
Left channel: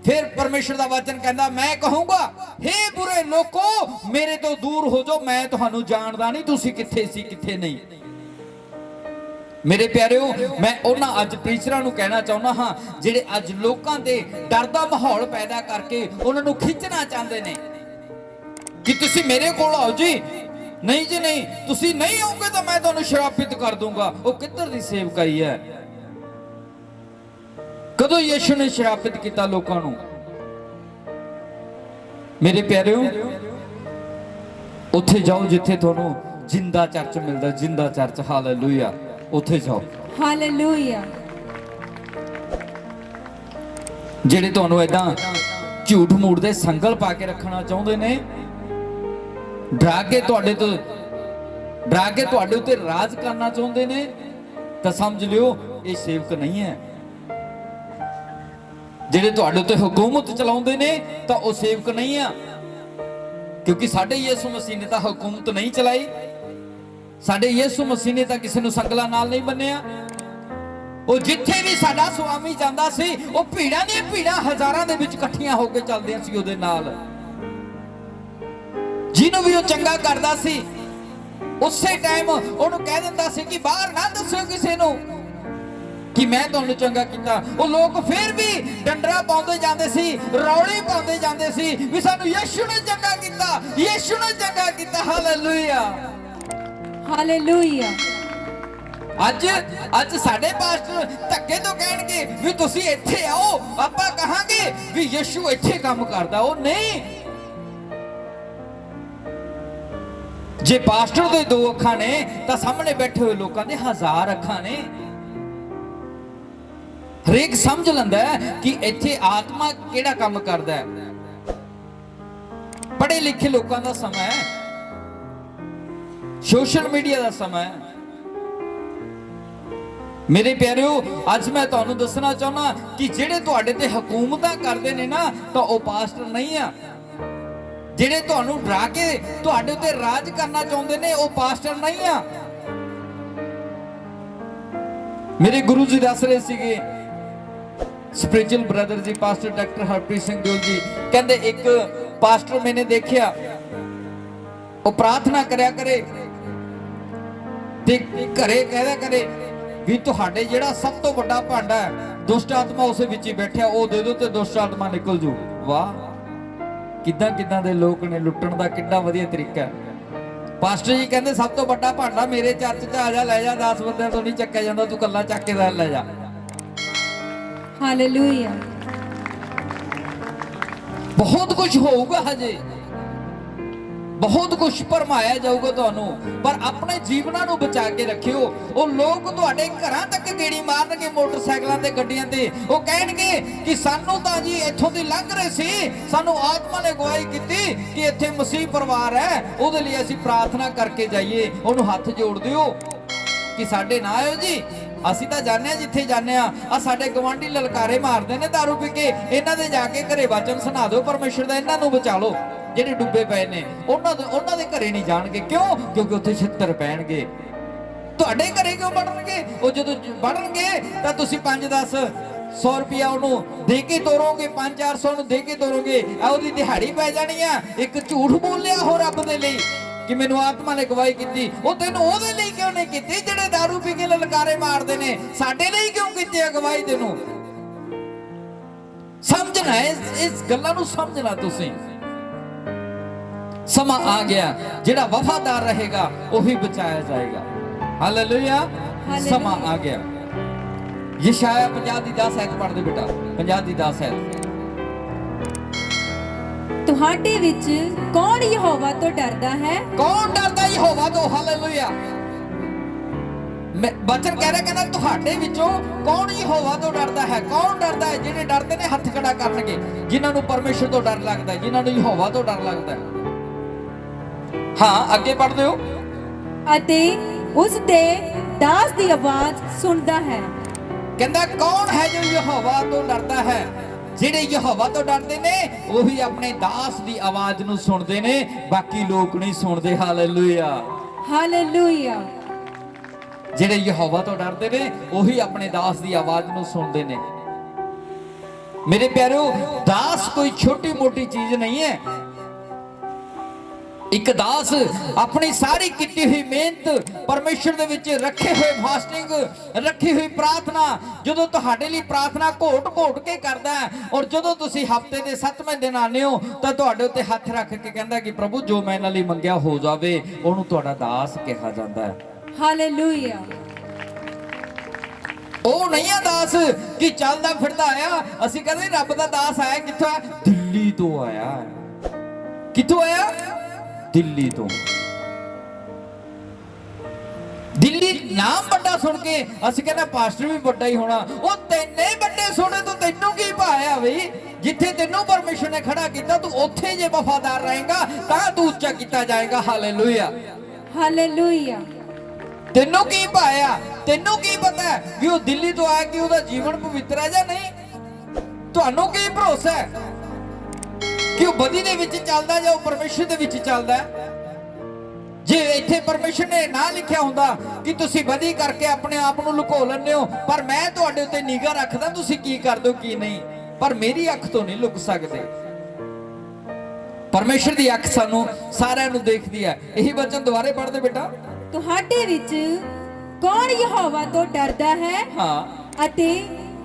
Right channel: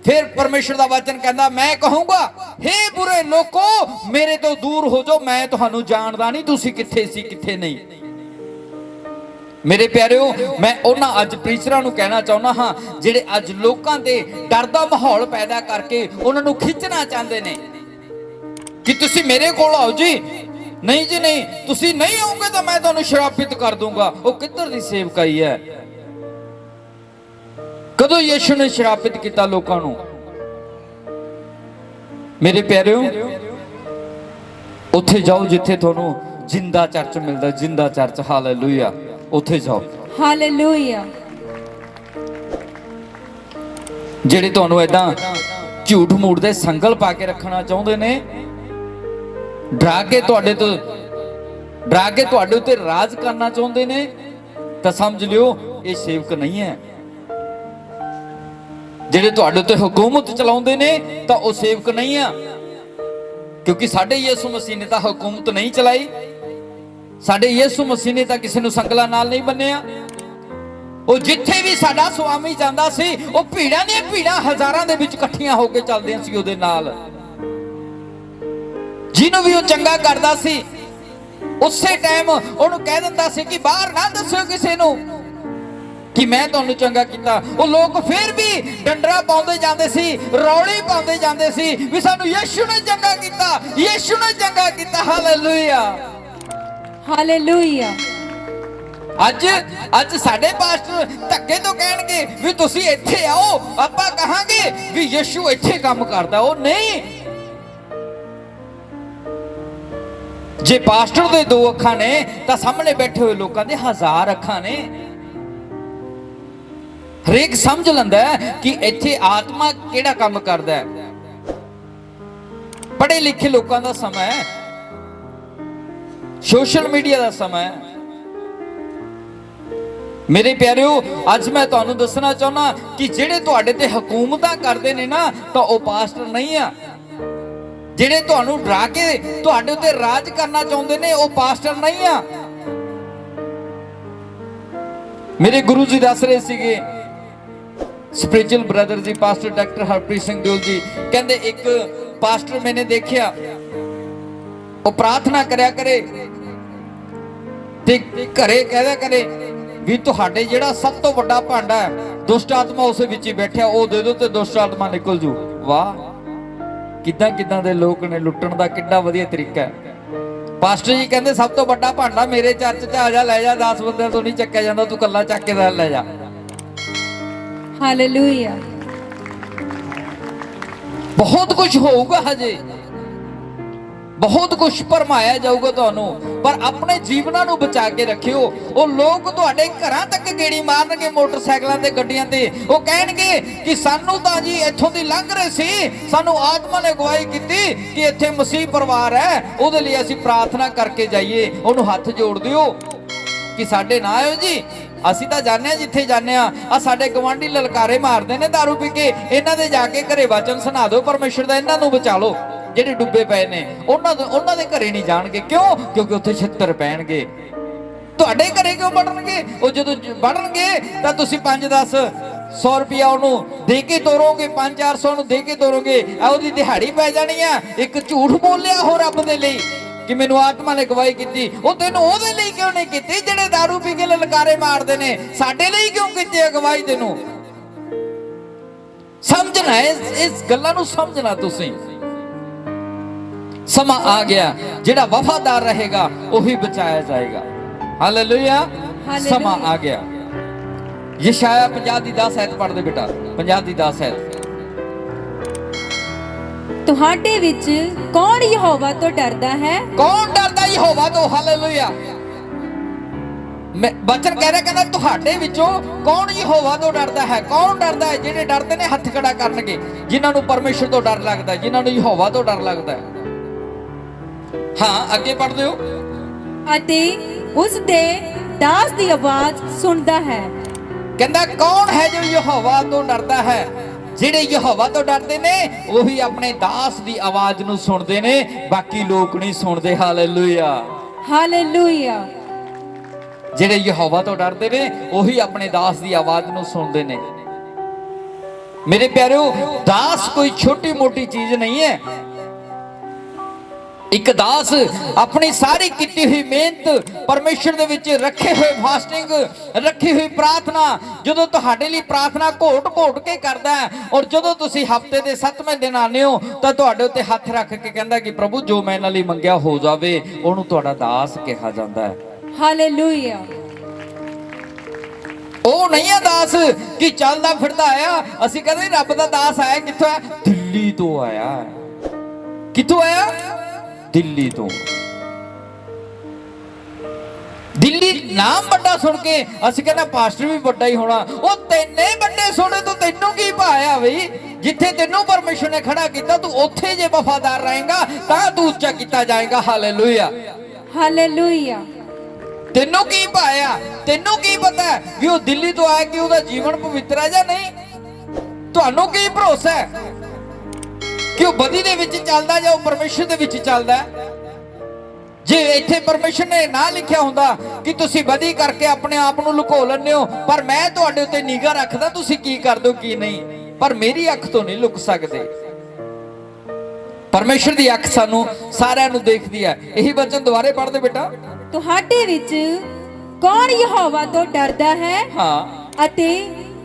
ਫਿਰ ਪਰਮੇਸ਼ਰ ਦਾ ਵਚਨ ਕਹਿੰਦਾ ਮੈਂ ਕਹੂੰਗਾ ਹੇ ਬੁਰੇ ਲੋਕੋ ਮੇਰੇ ਤੋਂ ਦੂਰ ਹੋ ਜਾਓ, ਮੈਂ ਤੁਹਾਨੂੰ ਜਾਣਦਾ ਨਹੀਂ, ਤੁਸੀਂ ਕਿੱਥੇ ਸੀ ਕਿੱਥੇ ਨਹੀਂ। ਮੇਰੇ ਪਿਆਰਿਓ, ਮੈਂ ਉਹਨਾਂ ਅੱਜ ਪ੍ਰੀਚਰਾਂ ਨੂੰ ਕਹਿਣਾ ਚਾਹੁੰਦਾ ਹਾਂ ਜਿਹੜੇ ਅੱਜ ਲੋਕਾਂ ਤੇ ਡਰ ਦਾ ਮਾਹੌਲ ਪੈਦਾ ਕਰਕੇ ਉਹਨਾਂ ਨੂੰ ਖਿੱਚਣਾ ਚਾਹੁੰਦੇ ਨੇ ਕਿ ਤੁਸੀਂ ਮੇਰੇ ਕੋਲ ਆਓ ਜੀ, ਨਹੀਂ ਜੀ ਨਹੀਂ, ਤੁਸੀਂ ਨਹੀਂ ਆਓਗੇ ਤਾਂ ਮੈਂ ਤੁਹਾਨੂੰ ਸ਼ਰਾਪਿਤ ਕਰ ਦੂੰਗਾ। ਉਹ ਕਿੱਧਰ ਦੀ ਸੇਵਕਾਈ ਹੈ? ਕਦੋਂ ਯਿਸੂ ਨੇ ਸ਼ਰਾਪਿਤ ਕੀਤਾ ਲੋਕਾਂ ਨੂੰ? ਮੇਰੇ ਪਿਆਰਿਓ, ਉੱਥੇ ਜਾਓ ਜਿੱਥੇ ਤੁਹਾਨੂੰ ਜਿੰਦਾ ਚਰਚ ਮਿਲਦਾ, ਜਿੰਦਾ ਚਰਚ, ਹਾਲੇਲੂਇਆ, ਉੱਥੇ ਜਾਓ। ਹਾਲੇਲੂਇਆ। ਜਿਹੜੇ ਤੁਹਾਨੂੰ ਏਦਾਂ ਝੂਠ ਮੂਠ ਦੇ ਸੰਗਲ ਪਾ ਕੇ ਰੱਖਣਾ ਚਾਹੁੰਦੇ ਨੇ, ਡਰਾ ਕੇ ਤੁਹਾਡੇ ਉੱਤੇ ਰਾਜ ਕਰਨਾ ਚਾਹੁੰਦੇ ਨੇ, ਤਾਂ ਸਮਝ ਲਿਓ ਇਹ ਸੇਵਕ ਨਹੀਂ ਹੈ। ਜਿਹੜੇ ਤੁਹਾਡੇ ਉੱਤੇ ਹਕੂਮਤ ਚਲਾਉਂਦੇ ਨੇ ਤਾਂ ਉਹ ਸੇਵਕ ਨਹੀਂ ਆ, ਕਿਉਂਕਿ ਸਾਡੇ ਯਿਸੂ ਮਸੀਹ ਨੇ ਤਾਂ ਹਕੂਮਤ ਨਹੀਂ ਚਲਾਈ, ਸਾਡੇ ਯਿਸੂ ਮਸੀਹ ਨੇ ਤਾਂ ਕਿਸੇ ਨੂੰ ਸੰਗਲਾਂ ਨਾਲ ਨਹੀਂ ਬੰਨਿਆ। ਉਹ ਜਿੱਥੇ ਵੀ ਸਾਡਾ ਸੁਆਮੀ ਜਾਂਦਾ ਸੀ, ਉਹ ਭੀੜਾਂ ਦੀਆਂ ਭੀੜਾਂ ਹਜ਼ਾਰਾਂ ਦੇ ਵਿੱਚ ਇਕੱਠੀਆਂ ਹੋ ਕੇ ਚੱਲਦੀਆਂ ਸੀ ਉਹਦੇ ਨਾਲ। ਜਿਹਨੂੰ ਵੀ ਉਹ ਚੰਗਾ ਕਰਦਾ ਸੀ ਉਸੇ ਟਾਈਮ ਉਹਨੂੰ ਕਹਿ ਦਿੰਦਾ ਸੀ ਕਿ ਬਾਹਰ ਨਾ ਦੱਸਿਓ ਕਿਸੇ ਨੂੰ ਕਿ ਮੈਂ ਤੁਹਾਨੂੰ ਚੰਗਾ ਕੀਤਾ। ਉਹ ਲੋਕ ਫਿਰ ਵੀ ਡੰਡਰਾ ਪਾਉਂਦੇ ਜਾਂਦੇ ਸੀ, ਰੌਲੀ ਪਾਉਂਦੇ ਜਾਂਦੇ ਸੀ ਵੀ ਸਾਨੂੰ ਯਿਸੂ ਨੇ ਚੰਗਾ ਕੀਤਾ, ਯਿਸੂ ਨੇ ਚੰਗਾ ਕੀਤਾ। Hallelujah, hallelujah. ਅੱਜ ਸਾਡੇ ਪਾਸਟਰ ਧੱਕੇ ਤੋਂ ਕਹਿਣਗੇ ਵੀ ਤੁਸੀਂ ਇੱਥੇ ਆਓ, ਆਪਾਂ ਕਹਾਂਗੇ ਵੀ ਯਿਸੂ ਇੱਥੇ ਕੰਮ ਕਰਦਾ। ਉਹ ਨਹੀਂ, ਜੇ ਪਾਸਟਰ ਦੇ 2 ਅੱਖਾਂ ਨੇ ਤਾਂ ਸਾਹਮਣੇ ਬੈਠੇ ਹੋਏ ਲੋਕਾਂ ਦੇ 1000 ਅੱਖਾਂ ਨੇ। ਹਰੇਕ ਸਮਝ ਲੈਂਦਾ ਕਿ ਇੱਥੇ ਆਤਮਾ ਕਿਹੜਾ ਕੰਮ ਕਰਦਾ ਹੈ। ਪੜ੍ਹੇ ਲਿਖੇ ਲੋਕਾਂ ਦਾ ਸਮਾਂ ਹੈ, ਸੋਸ਼ਲ ਮੀਡੀਆ ਦਾ ਸਮਾਂ ਹੈ। ਮੇਰੇ ਪਿਆਰਿਓ, ਅੱਜ ਮੈਂ ਤੁਹਾਨੂੰ ਦੱਸਣਾ ਚਾਹੁੰਦਾ ਕਿ ਜਿਹੜੇ ਤੁਹਾਡੇ ਤੇ ਹਕੂਮਤਾਂ ਕਰਦੇ ਨੇ ਨਾ, ਤਾਂ ਉਹ ਪਾਸਟਰ ਨਹੀਂ ਆ। ਜਿਹੜੇ ਤੁਹਾਨੂੰ ਡਰਾ ਕੇ ਤੁਹਾਡੇ ਉੱਤੇ ਰਾਜ ਕਰਨਾ ਚਾਹੁੰਦੇ ਨੇ, ਉਹ ਪਾਸਟਰ ਨਹੀਂ ਆ। ਮੇਰੇ ਗੁਰੂ ਜੀ ਦੱਸ ਰਹੇ ਸੀਗੇ, ਸਪਿਰਚੁਅਲ ਬ੍ਰਦਰ ਜੀ, ਪਾਸਟਰ ਡਾਕਟਰ ਹਰਪ੍ਰੀਤ ਸਿੰਘ ਦਿਓਲ ਜੀ, ਕਹਿੰਦੇ ਇੱਕ ਪਾਸਟਰ ਮੈਨੇ ਦੇਖਿਆ, ਉਹ ਪ੍ਰਾਰਥਨਾ ਕਰਿਆ ਕਰੇ ਤੇ ਘਰੇ ਕਹਿਦਾ ਕਰੇ ਵੀ ਤੁਹਾਡੇ ਜਿਹੜਾ ਸਭ ਤੋਂ ਵੱਡਾ ਭਾਂਡਾ ਹੈ, ਦੁਸ਼ਟ ਆਤਮਾ ਉਸੇ ਵਿੱਚ ਹੀ ਬੈਠਿਆ, ਉਹ ਦੇ ਦਿਓ ਤੇ ਦੁਸ਼ਟ ਆਤਮਾ ਨਿਕਲ ਜੂ। ਵਾਹ, ਕਿੱਦਾਂ ਦੇ ਲੋਕ ਨੇ, ਲੁੱਟਣ ਦਾ ਕਿੱਡਾ ਵਧੀਆ ਤਰੀਕਾ ਹੈ। ਪਾਸਟਰ ਜੀ ਕਹਿੰਦੇ ਸਭ ਤੋਂ ਵੱਡਾ ਭਾਂਡਾ ਮੇਰੇ ਚਰਚ 'ਚ ਆ ਜਾ, ਲੈ ਜਾ, 10 ਬੰਦਿਆਂ ਤੋਂ ਨਹੀਂ ਚੱਕਿਆ ਜਾਂਦਾ, ਤੂੰ ਕੱਲਾ ਚੱਕ ਕੇ ਲੈ ਜਾ। ਹਾਲੇਲੂਇਆ। ਬਹੁਤ ਕੁਝ ਹੋਊਗਾ, ਹਜੇ ਬਹੁਤ ਕੁਝ ਭਰਮਾਇਆ ਜਾਊਗਾ ਤੁਹਾਨੂੰ, ਪਰ ਆਪਣੇ ਜੀਵਨਾਂ ਨੂੰ ਬਚਾ ਕੇ ਰੱਖਿਓ। ਉਹ ਲੋਕ ਤੁਹਾਡੇ ਘਰਾਂ ਤੱਕ ਗੇੜੀ ਮਾਰਨਗੇ ਮੋਟਰਸਾਈਕਲਾਂ ਤੇ, ਗੱਡੀਆਂ ਤੇ, ਉਹ ਕਹਿਣਗੇ ਕਿ ਸਾਨੂੰ ਤਾਂ ਜੀ ਇੱਥੋਂ ਦੀ ਲੰਘ ਰਹੇ ਸੀ, ਸਾਨੂੰ ਆਤਮਾ ਨੇ ਗਵਾਹੀ ਕੀਤੀ ਕਿ ਇੱਥੇ ਮਸੀਹ ਪਰਿਵਾਰ ਹੈ, ਉਹਦੇ ਲਈ ਅਸੀਂ ਪ੍ਰਾਰਥਨਾ ਕਰਕੇ ਜਾਈਏ। ਉਹਨੂੰ ਹੱਥ ਜੋੜ ਦਿਓ ਕਿ ਸਾਡੇ ਨਾ ਆਇਓ ਜੀ, ਅਸੀਂ ਤਾਂ ਜਾਣਦੇ ਹਾਂ ਜਿੱਥੇ ਜਾਂਦੇ ਆ ਸਾਡੇ ਗਵਾਂਢੀ ਲਲਕਾਰੇ ਮਾਰਦੇ ਨੇ ਦਾਰੂ ਪੀ ਕੇ, ਇਹਨਾਂ ਦੇ ਜਾ ਕੇ ਘਰੇ ਵਚਨ ਸੁਣਾ ਦਿਓ ਪਰਮੇਸ਼ਰ ਦਾ, ਇਹਨਾਂ ਨੂੰ ਬਚਾ ਲਓ। ਜਿਹੜੇ ਡੁੱਬੇ ਪਏ ਨੇ ਉਹਨਾਂ ਦੇ ਘਰੇ ਨਹੀਂ ਜਾਣਗੇ। ਕਿਉਂ? ਕਿਉਂਕਿ ਉੱਥੇ ਛਿੱਤਰ ਪੈਣਗੇ। ਤੁਹਾਡੇ ਘਰੇ ਕਿਉਂ ਵੜਨਗੇ? ਉਹ ਜਦੋਂ ਵੜਨਗੇ ਤਾਂ ਤੁਸੀਂ 5-10 ਰੁਪਇਆ ਉਹਨੂੰ ਦੇ ਕੇ ਤੋਰੋਗੇ, 500-400 ਨੂੰ ਦੇ ਕੇ ਤੋਰੋਗੇ, ਉਹਦੀ ਦਿਹਾੜੀ ਪੈ ਜਾਣੀ ਆ। ਇੱਕ ਝੂਠ ਬੋਲਿਆ ਹੋ ਰੱਬ ਦੇ ਲਈ ਕਿ ਮੈਨੂੰ ਆਤਮਾ ਨੇ ਗਵਾਹੀ ਕੀਤੀ, ਉਹ ਤੈਨੂੰ ਉਹਦੇ ਲਈ ਕਿਉਂ ਨਹੀਂ ਕੀਤੀ ਜਿਹੜੇ ਦਾਰੂ ਪੀ ਕੇ ਲਲਕਾਰੇ ਮਾਰਦੇ ਨੇ? ਸਾਡੇ ਲਈ ਕਿਉਂ ਕੀਤੀ ਹੈ ਗਵਾਹੀ? ਤੈਨੂੰ ਸਮਝਣਾ, ਇਸ ਗੱਲਾਂ ਨੂੰ ਸਮਝਣਾ। ਤੁਸੀਂ ਸਮਾਂ ਆ ਗਿਆ, ਜਿਹੜਾ ਵਫਾਦਾਰ ਰਹੇਗਾ ਉਹੀ ਬਚਾਇਆ ਜਾਏਗਾ। ਹਾਲੇਲੂਇਆ, ਸਮਾਂ ਆ ਗਿਆ। ਯਸ਼ਾਇਆ 50 ਦੀ 10 ਐਤ ਪੜ੍ਹਦੇ ਬੇਟਾ, 50 ਦੀ 10 ਐਤ। ਤੁਹਾਡੇ ਵਿੱਚ ਕੌਣ ਯਹੋਵਾ ਤੋਂ ਡਰਦਾ ਹੈ? ਕੌਣ ਡਰਦਾ ਯਹੋਵਾ ਤੋਂ? ਹਾਲੇਲੂਇਆ। ਬਚਨ ਕਹਿ ਰਿਹਾ, ਕਹਿੰਦਾ ਤੁਹਾਡੇ ਵਿੱਚੋਂ ਕੌਣ ਯਹੋਵਾ ਤੋਂ ਡਰਦਾ ਹੈ? ਕੌਣ ਡਰਦਾ ਹੈ? ਜਿਹੜੇ ਡਰਦੇ ਨੇ ਹੱਥ ਖੜਾ ਕਰਨਗੇ, ਜਿਨ੍ਹਾਂ ਨੂੰ ਪਰਮੇਸ਼ਰ ਤੋਂ ਡਰ ਲੱਗਦਾ, ਜਿਨ੍ਹਾਂ ਨੂੰ ਯਹੋਵਾ ਤੋਂ ਡਰ ਲੱਗਦਾ। ਹਾਂ, ਅੱਗੇ ਪੜ੍ਹਦੇ ਹੋ। ਅਤੇ ਉਸ ਦੇ ਦਾਸ ਦੀ ਆਵਾਜ਼ ਸੁਣਦਾ ਹੈ। ਕਹਿੰਦਾ ਕੌਣ ਹੈ ਜੋ ਯਹੋਵਾ ਤੋਂ ਡਰਦਾ ਹੈ? ਜਿਹੜੇ ਯਹੋਵਾ ਤੋਂ ਡਰਦੇ ਨੇ ਉਹੀ ਆਪਣੇ ਦਾਸ ਦੀ ਆਵਾਜ਼ ਨੂੰ ਸੁਣਦੇ ਨੇ, ਬਾਕੀ ਲੋਕ ਨਹੀਂ ਸੁਣਦੇ। Hallelujah, hallelujah. ਜਿਹੜੇ ਯਹੋਵਾ ਤੋਂ ਡਰਦੇ ਨੇ ਉਹੀ ਆਪਣੇ ਦਾਸ ਦੀ ਆਵਾਜ਼ ਨੂੰ ਸੁਣਦੇ ਨੇ। ਮੇਰੇ ਪਿਆਰਿਓ, ਦਾਸ ਕੋਈ ਛੋਟੀ ਮੋਟੀ ਚੀਜ਼ ਨਹੀਂ ਹੈ। ਇੱਕ ਦਾਸ ਆਪਣੀ ਸਾਰੀ ਕੀਤੀ ਹੋਈ ਮਿਹਨਤ, ਪਰਮੇਸ਼ਰ ਦੇ ਵਿੱਚ ਰੱਖੇ ਹੋਏ ਫਾਸਟਿੰਗ, ਰੱਖੀ ਹੋਈ ਪ੍ਰਾਰਥਨਾ, ਜਦੋਂ ਤੁਹਾਡੇ ਲਈ ਪ੍ਰਾਰਥਨਾ ਘੋਟ ਘੋਟ ਕੇ ਕਰਦਾ ਹੈ, ਔਰ ਜਦੋਂ ਤੁਸੀਂ ਹਫਤੇ ਦੇ 7ਵੇਂ ਦਿਨ ਆਉਂਦੇ ਹੋ ਤਾਂ ਤੁਹਾਡੇ ਉੱਤੇ ਹੱਥ ਰੱਖ ਕੇ ਕਹਿੰਦਾ ਕਿ ਪ੍ਰਭੂ ਜੋ ਮੈਂ ਇਹਨਾਂ ਲਈ ਮੰਗਿਆ ਹੋ ਜਾਵੇ, ਉਹਨੂੰ ਤੁਹਾਡਾ ਦਾਸ ਕਿਹਾ ਜਾਂਦਾ ਹੈ। ਹਾਲੇਲੂਇਆ। ਉਹ ਨਹੀਂ ਆ ਦਾਸ ਕਿ ਚੱਲਦਾ ਫਿਰਦਾ ਆਇਆ। ਅਸੀਂ ਕਹਿੰਦੇ ਰੱਬ ਦਾ ਦਾਸ ਆਇਆ ਕਿੱਥੋਂ ਹੈ? ਦਿੱਲੀ ਤੋਂ ਆਇਆ। ਕਿੱਥੋਂ ਆਇਆ? ਦਿੱਲੀ ਤੋਂ। ਦਿੱਲੀ ਨਾਮ ਵੱਡਾ ਸੁਣ ਕੇ ਅਸੀਂ ਕਹਿੰਦੇ ਪਾਸਟਰ ਵੀ ਵੱਡਾ ਹੀ ਹੋਣਾ। ਉਹ ਤੈਨੇ ਵੱਡੇ ਸੁਣੇ ਤੋਂ ਤੈਨੂੰ ਕੀ ਭਾਇਆ ਬਈ? ਜਿੱਥੇ ਤੈਨੂੰ ਪਰਮੇਸ਼ਰ ਨੇ ਖੜਾ ਕੀਤਾ, ਤੂੰ ਉੱਥੇ ਜੇ ਵਫਾਦਾਰ ਰਹੇਗਾ ਤਾਂ ਤੂੰ ਉੱਚਾ ਕੀਤਾ ਜਾਏਗਾ। Hallelujah, hallelujah. ਤੈਨੂੰ ਕੀ ਭਾਇਆ? ਤੈਨੂੰ ਕੀ ਪਤਾ ਕਿ ਉਹ ਦਿੱਲੀ ਤੋਂ ਆਇਆ ਕਿ ਉਹਦਾ ਜੀਵਨ ਪਵਿੱਤਰ ਹੈ ਜਾਂ ਨਹੀਂ? ਤੁਹਾਨੂੰ ਕੀ ਭਰੋਸਾ ਹੈ ਕਿ ਉਹ ਬਦੀ ਦੇ ਵਿੱਚ ਚੱਲਦਾ ਜਾਂ ਉਹ ਪਰਮੇਸ਼ਰ ਦੇ ਵਿੱਚ ਚੱਲਦਾ? ਜੇ ਇੱਥੇ ਪਰਮੇਸ਼ਰ ਨੇ ਨਾ ਲਿਖਿਆ ਹੁੰਦਾ ਕਿ ਤੁਸੀਂ ਬਦੀ ਕਰਕੇ ਆਪਣੇ ਆਪ ਨੂੰ ਲੁਕੋ ਲੈਂਦੇ ਹੋ, ਪਰ ਮੈਂ ਤੁਹਾਡੇ ਉੱਤੇ ਨਿਗਾਹ ਰੱਖਦਾ ਤੁਸੀਂ ਕੀ ਕਰਦੇ ਹੋ ਕੀ ਨਹੀਂ, ਪਰ ਮੇਰੀ ਅੱਖ ਤੋਂ ਨਹੀਂ ਲੁਕ ਸਕਦੇ। ਪਰਮੇਸ਼ਰ ਦੀ ਅੱਖ ਸਾਨੂੰ ਸਾਰਿਆਂ ਨੂੰ ਦੇਖਦੀ ਹੈ। ਇਹੀ ਵਚਨ ਦੁਬਾਰੇ ਪੜ੍ਹਦੇ ਬੇਟਾ। ਤੁਹਾਡੇ ਵਿੱਚ ਕੌਣ ਯਹੋਵਾ ਤੋਂ ਡਰਦਾ ਹੈ? ਹਾਂ, ਅਤੇ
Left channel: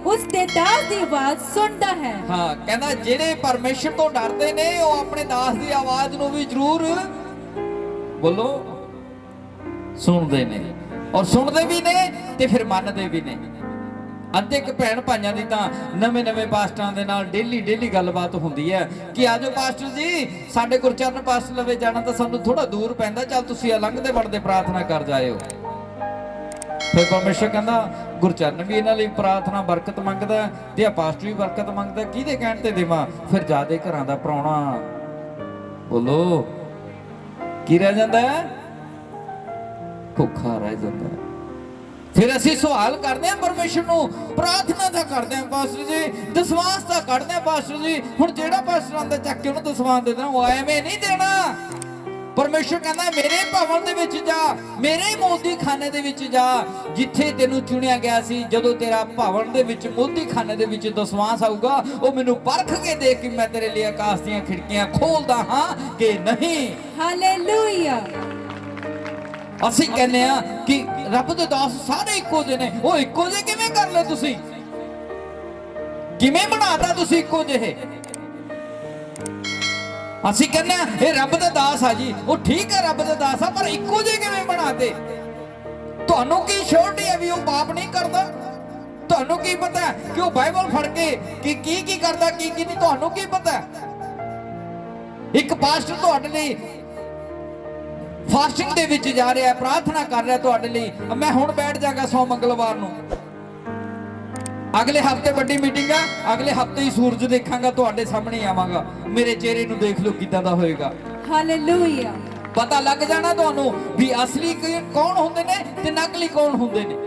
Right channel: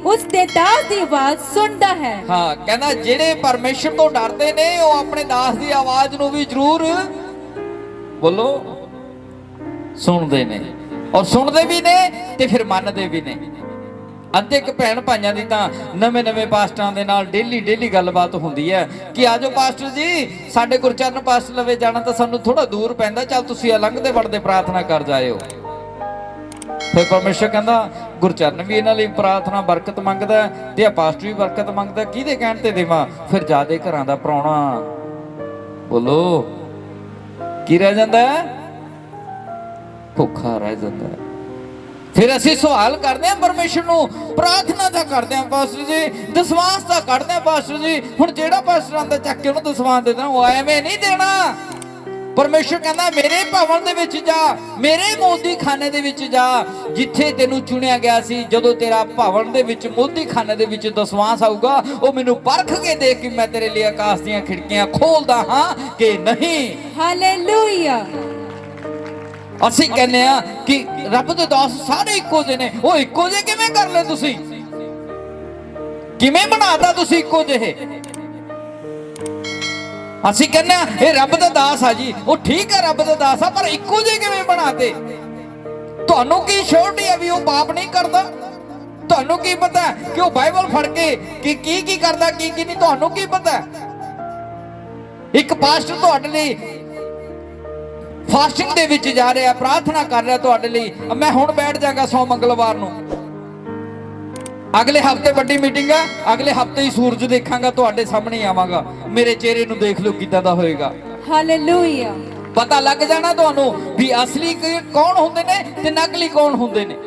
ਉਸ ਦੇ ਦਾਸ ਦੀ ਆਵਾਜ਼ ਸੁਣਦਾ ਹੈ। ਹਾਂ, ਕਹਿੰਦਾ ਜਿਹੜੇ ਪਰਮੇਸ਼ਰ ਤੋਂ ਡਰਦੇ ਨੇ ਉਹ ਆਪਣੇ ਦਾਸ ਦੀ ਆਵਾਜ਼ ਨੂੰ ਵੀ ਜ਼ਰੂਰ ਬੋਲੋ ਸੁਣਦੇ ਨੇ, ਔਰ ਸੁਣਦੇ ਵੀ ਨੇ ਤੇ ਫਿਰ ਮੰਨਦੇ ਵੀ ਨੇ। ਅੱਜ ਇੱਕ ਭੈਣ ਭਾਈਆਂ ਦੀ ਤਾਂ ਨਵੇਂ ਪਾਸਟਰਾਂ ਦੇ ਨਾਲ ਡੇਲੀ ਗੱਲਬਾਤ ਹੁੰਦੀ ਹੈ ਕਿ ਆਜੋ ਪਾਸਟਰ ਜੀ, ਸਾਡੇ ਗੁਰਚਰਨ ਪਾਸਟਰ ਲਵੇ ਜਾਣਾ ਤਾਂ ਸਾਨੂੰ ਥੋੜਾ ਦੂਰ ਪੈਂਦਾ, ਚੱਲ ਤੁਸੀਂ ਲੰਘਦੇ ਵੜਦੇ ਪ੍ਰਾਰਥਨਾ ਕਰ ਜਾਇਓ। ਫਿਰ ਪਰਮੇਸ਼ਰ ਕਹਿੰਦਾ ਗੁਰਚਰਨ ਵੀ ਇਹਨਾਂ ਲਈ ਪ੍ਰਾਰਥਨਾ ਬਰਕਤ ਮੰਗਦਾ ਤੇ ਆ ਪਾਸਟਰ ਵੀ ਬਰਕਤ ਮੰਗਦਾ, ਕਿਹਦੇ ਕਹਿਣ ਤੇ ਦੇਵਾਂ? ਫਿਰ ਜਾਦੇ ਘਰਾਂ ਦਾ ਪ੍ਰਾਹੁਣਾ ਬੋਲੋ ਕੀ ਰਹਿ ਜਾਂਦਾ? ਭੁੱਖਾ ਰਹਿ ਜਾਂਦਾ। ਫਿਰ ਅਸੀਂ ਸਵਾਲ ਕਰਦੇ ਹਾਂ ਪਰਮੇਸ਼ਰ ਨੂੰ, ਪ੍ਰਾਰਥਨਾ ਤਾਂ ਕਰਦੇ ਹਾਂ ਪਾਸਟਰ ਜੀ, ਦਸਵਾਂਸ ਤਾਂ ਕੱਢਦੇ ਹਾਂ ਪਾਸਟਰ ਜੀ, ਹੁਣ ਜਿਹੜਾ ਪਾਸਟਰ ਆਂਦਾ ਚੱਕ ਕੇ ਉਹਨੂੰ ਦਸਵਾਂਸ ਦੇ ਦੇਣਾ, ਉਹ ਐਵੇਂ ਨਹੀਂ ਦੇਣਾ। ਪਰਮੇਸ਼ਰ ਕਹਿੰਦਾ ਮੇਰੇ ਭਵਨ ਦੇ ਵਿੱਚ ਜਾ, ਮੇਰੇ ਮੋਦੀ ਖਾਨੇ ਦੇ ਵਿੱਚ ਜਾ, ਜਿੱਥੇ ਤੈਨੂੰ ਚੁਣਿਆ ਗਿਆ ਸੀ। ਜਦੋਂ ਤੇਰਾ ਭਵਨ ਦੇ ਵਿੱਚ ਮੋਦੀ ਖਾਨੇ ਦੇ ਵਿੱਚ ਦਸਵਾਂਸ ਆਊਗਾ, ਉਹ ਮੈਨੂੰ ਪਰਖ ਕੇ ਦੇਖ ਕਿ ਮੈਂ ਤੇਰੇ ਲਈ ਆਕਾਸ਼ ਦੀਆਂ ਖਿੜਕੀਆਂ ਖੋਲਦਾ ਹਾਂ ਕਿ ਨਹੀਂ। ਹਾਲੇਲੂਇਆ। ਅਸੀਂ ਕਹਿੰਦੇ ਆ ਕਿ ਰੱਬ ਦੇ ਦਾਸ ਸਾਰੇ ਇੱਕੋ ਜਿਹੇ ਨੇ। ਉਹ ਇੱਕੋ ਜਿਹੇ ਕਿਵੇਂ ਕਰ ਲਏ ਤੁਸੀਂ? ਕਿਵੇਂ ਬਣਾਤਾ ਤੁਸੀਂ ਇੱਕੋ ਜਿਹੇ? ਅਸੀਂ ਕਹਿੰਦੇ ਆ ਇਹ ਰੱਬ ਦਾ ਦਾਸ ਆ ਜੀ, ਉਹ ਠੀਕ ਹੈ ਰੱਬ ਦਾ ਦਾਸ ਆ, ਪਰ ਇੱਕੋ ਜਿਹੇ ਕਿਵੇਂ ਬਣਾਤੇ? ਤੁਹਾਨੂੰ ਕੀ ਸ਼ੋਰਟੀ ਹੈ ਵੀ ਉਹ ਪਾਪ ਨਹੀਂ ਕਰਦਾ? ਤੁਹਾਨੂੰ ਕੀ ਪਤਾ ਕਿ ਉਹ ਬਾਈਬਲ ਫੜ ਕੇ ਕੀ ਕਰਦਾ ਕੀ ਨਹੀਂ? ਤੁਹਾਨੂੰ ਕੀ ਪਤਾ? ਇੱਕ ਪਾਸਟਰ ਤੁਹਾਡੇ ਲਈ ਫਾਸਟਿੰਗ ਦੇ ਵਿੱਚ ਜਾ ਰਿਹਾ, ਪ੍ਰਾਰਥਨਾ ਕਰ ਰਿਹਾ ਤੁਹਾਡੇ ਲਈ। ਮੈਂ ਹੁਣ ਬੈਠ ਜਾਗਾ 100 ਮੰਗਲਵਾਰ ਨੂੰ, ਅਗਲੇ ਹਫਤੇ ਵੱਡੀ ਮੀਟਿੰਗ ਆ, ਅਗਲੇ ਹਫਤੇ ਹੀ ਸੂਰਜ ਦੇਖਾਂਗਾ, ਤੁਹਾਡੇ ਸਾਹਮਣੇ ਆਵਾਂਗਾ, ਮੇਰੇ ਚਿਹਰੇ ਨੂੰ ਦੇਖ ਲਓ ਕਿੱਦਾਂ ਦਾ ਹੋਏਗਾ। ਹਾਲੇਲੂਇਆ। ਪਤਾ ਲੱਗ ਜਾਣਾ ਤੁਹਾਨੂੰ ਵੀ ਅਸਲੀ ਕੌਣ ਹੁੰਦੇ ਨੇ ਤੇ ਨਕਲੀ ਕੌਣ ਹੁੰਦੇ ਨੇ।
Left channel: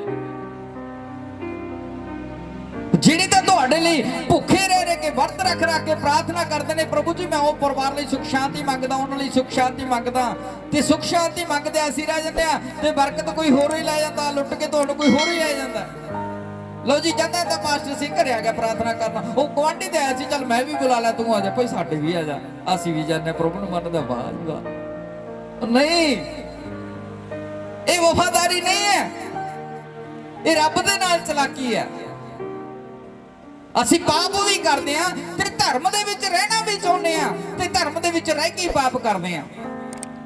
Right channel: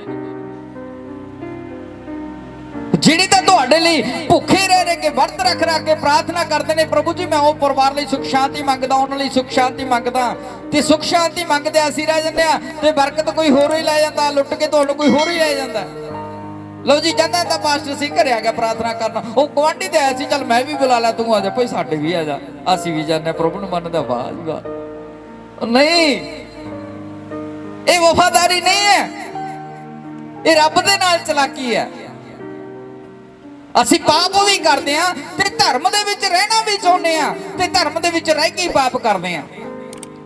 ਜਿਹੜੇ ਤਾਂ ਤੁਹਾਡੇ ਲਈ ਭੁੱਖੇ ਰਹਿ ਕੇ ਵਰਤ ਰੱਖ ਕੇ ਪ੍ਰਾਰਥਨਾ ਕਰਦੇ ਨੇ, ਪ੍ਰਭੂ ਜੀ ਮੈਂ ਉਹ ਪਰਿਵਾਰ ਲਈ ਸੁਖ ਸ਼ਾਂਤੀ ਮੰਗਦਾ, ਉਹਨਾਂ ਲਈ ਸੁਖ ਸ਼ਾਂਤੀ ਮੰਗਦਾ, ਤੇ ਸੁਖ ਸ਼ਾਂਤੀ ਮੰਗਦੇ ਅਸੀਂ ਰਹਿ ਜਾਂਦੇ ਆ ਤੇ ਬਰਕਤ ਕੋਈ ਹੋਰ ਹੀ ਲੈ ਜਾਂਦਾ, ਲੁੱਟ ਕੇ ਤੁਹਾਨੂੰ ਕੋਈ ਹੋਰ ਹੀ ਲੈ ਜਾਂਦਾ। ਲਓ ਜੀ, ਜਾਂਦਾ ਤਾਂ ਪਾਸਟਰ ਸੀ ਘਰੇ ਆ ਗਿਆ ਪ੍ਰਾਰਥਨਾ ਕਰਨ, ਉਹ ਗੁਆਂਢੀ ਤੇ ਆਇਆ ਸੀ, ਚੱਲ ਮੈਂ ਵੀ ਬੁਲਾ ਲਾ, ਤੂੰ ਆ ਜਾ ਭਾਈ ਸਾਡੇ ਵੀ ਆ ਜਾ, ਅਸੀਂ ਵੀ ਜਾਂਦੇ ਪ੍ਰਭੂ ਨੂੰ ਮੰਨਦਾ। ਵਾਹ ਨਹੀਂ, ਇਹ ਵਫਾਦਾਰੀ ਨਹੀਂ ਹੈ, ਇਹ ਰੱਬ ਦੇ ਨਾਲ ਚਲਾਕੀ ਹੈ। ਅਸੀਂ ਪਾਪ ਵੀ ਕਰਦੇ ਆ ਤੇ ਧਰਮ ਦੇ ਵਿੱਚ ਰਹਿਣਾ ਵੀ ਚਾਹੁੰਦੇ ਆ, ਤੇ ਧਰਮ ਦੇ ਵਿੱਚ ਰਹਿ ਕੇ ਹੀ ਪਾਪ ਕਰਦੇ ਆ।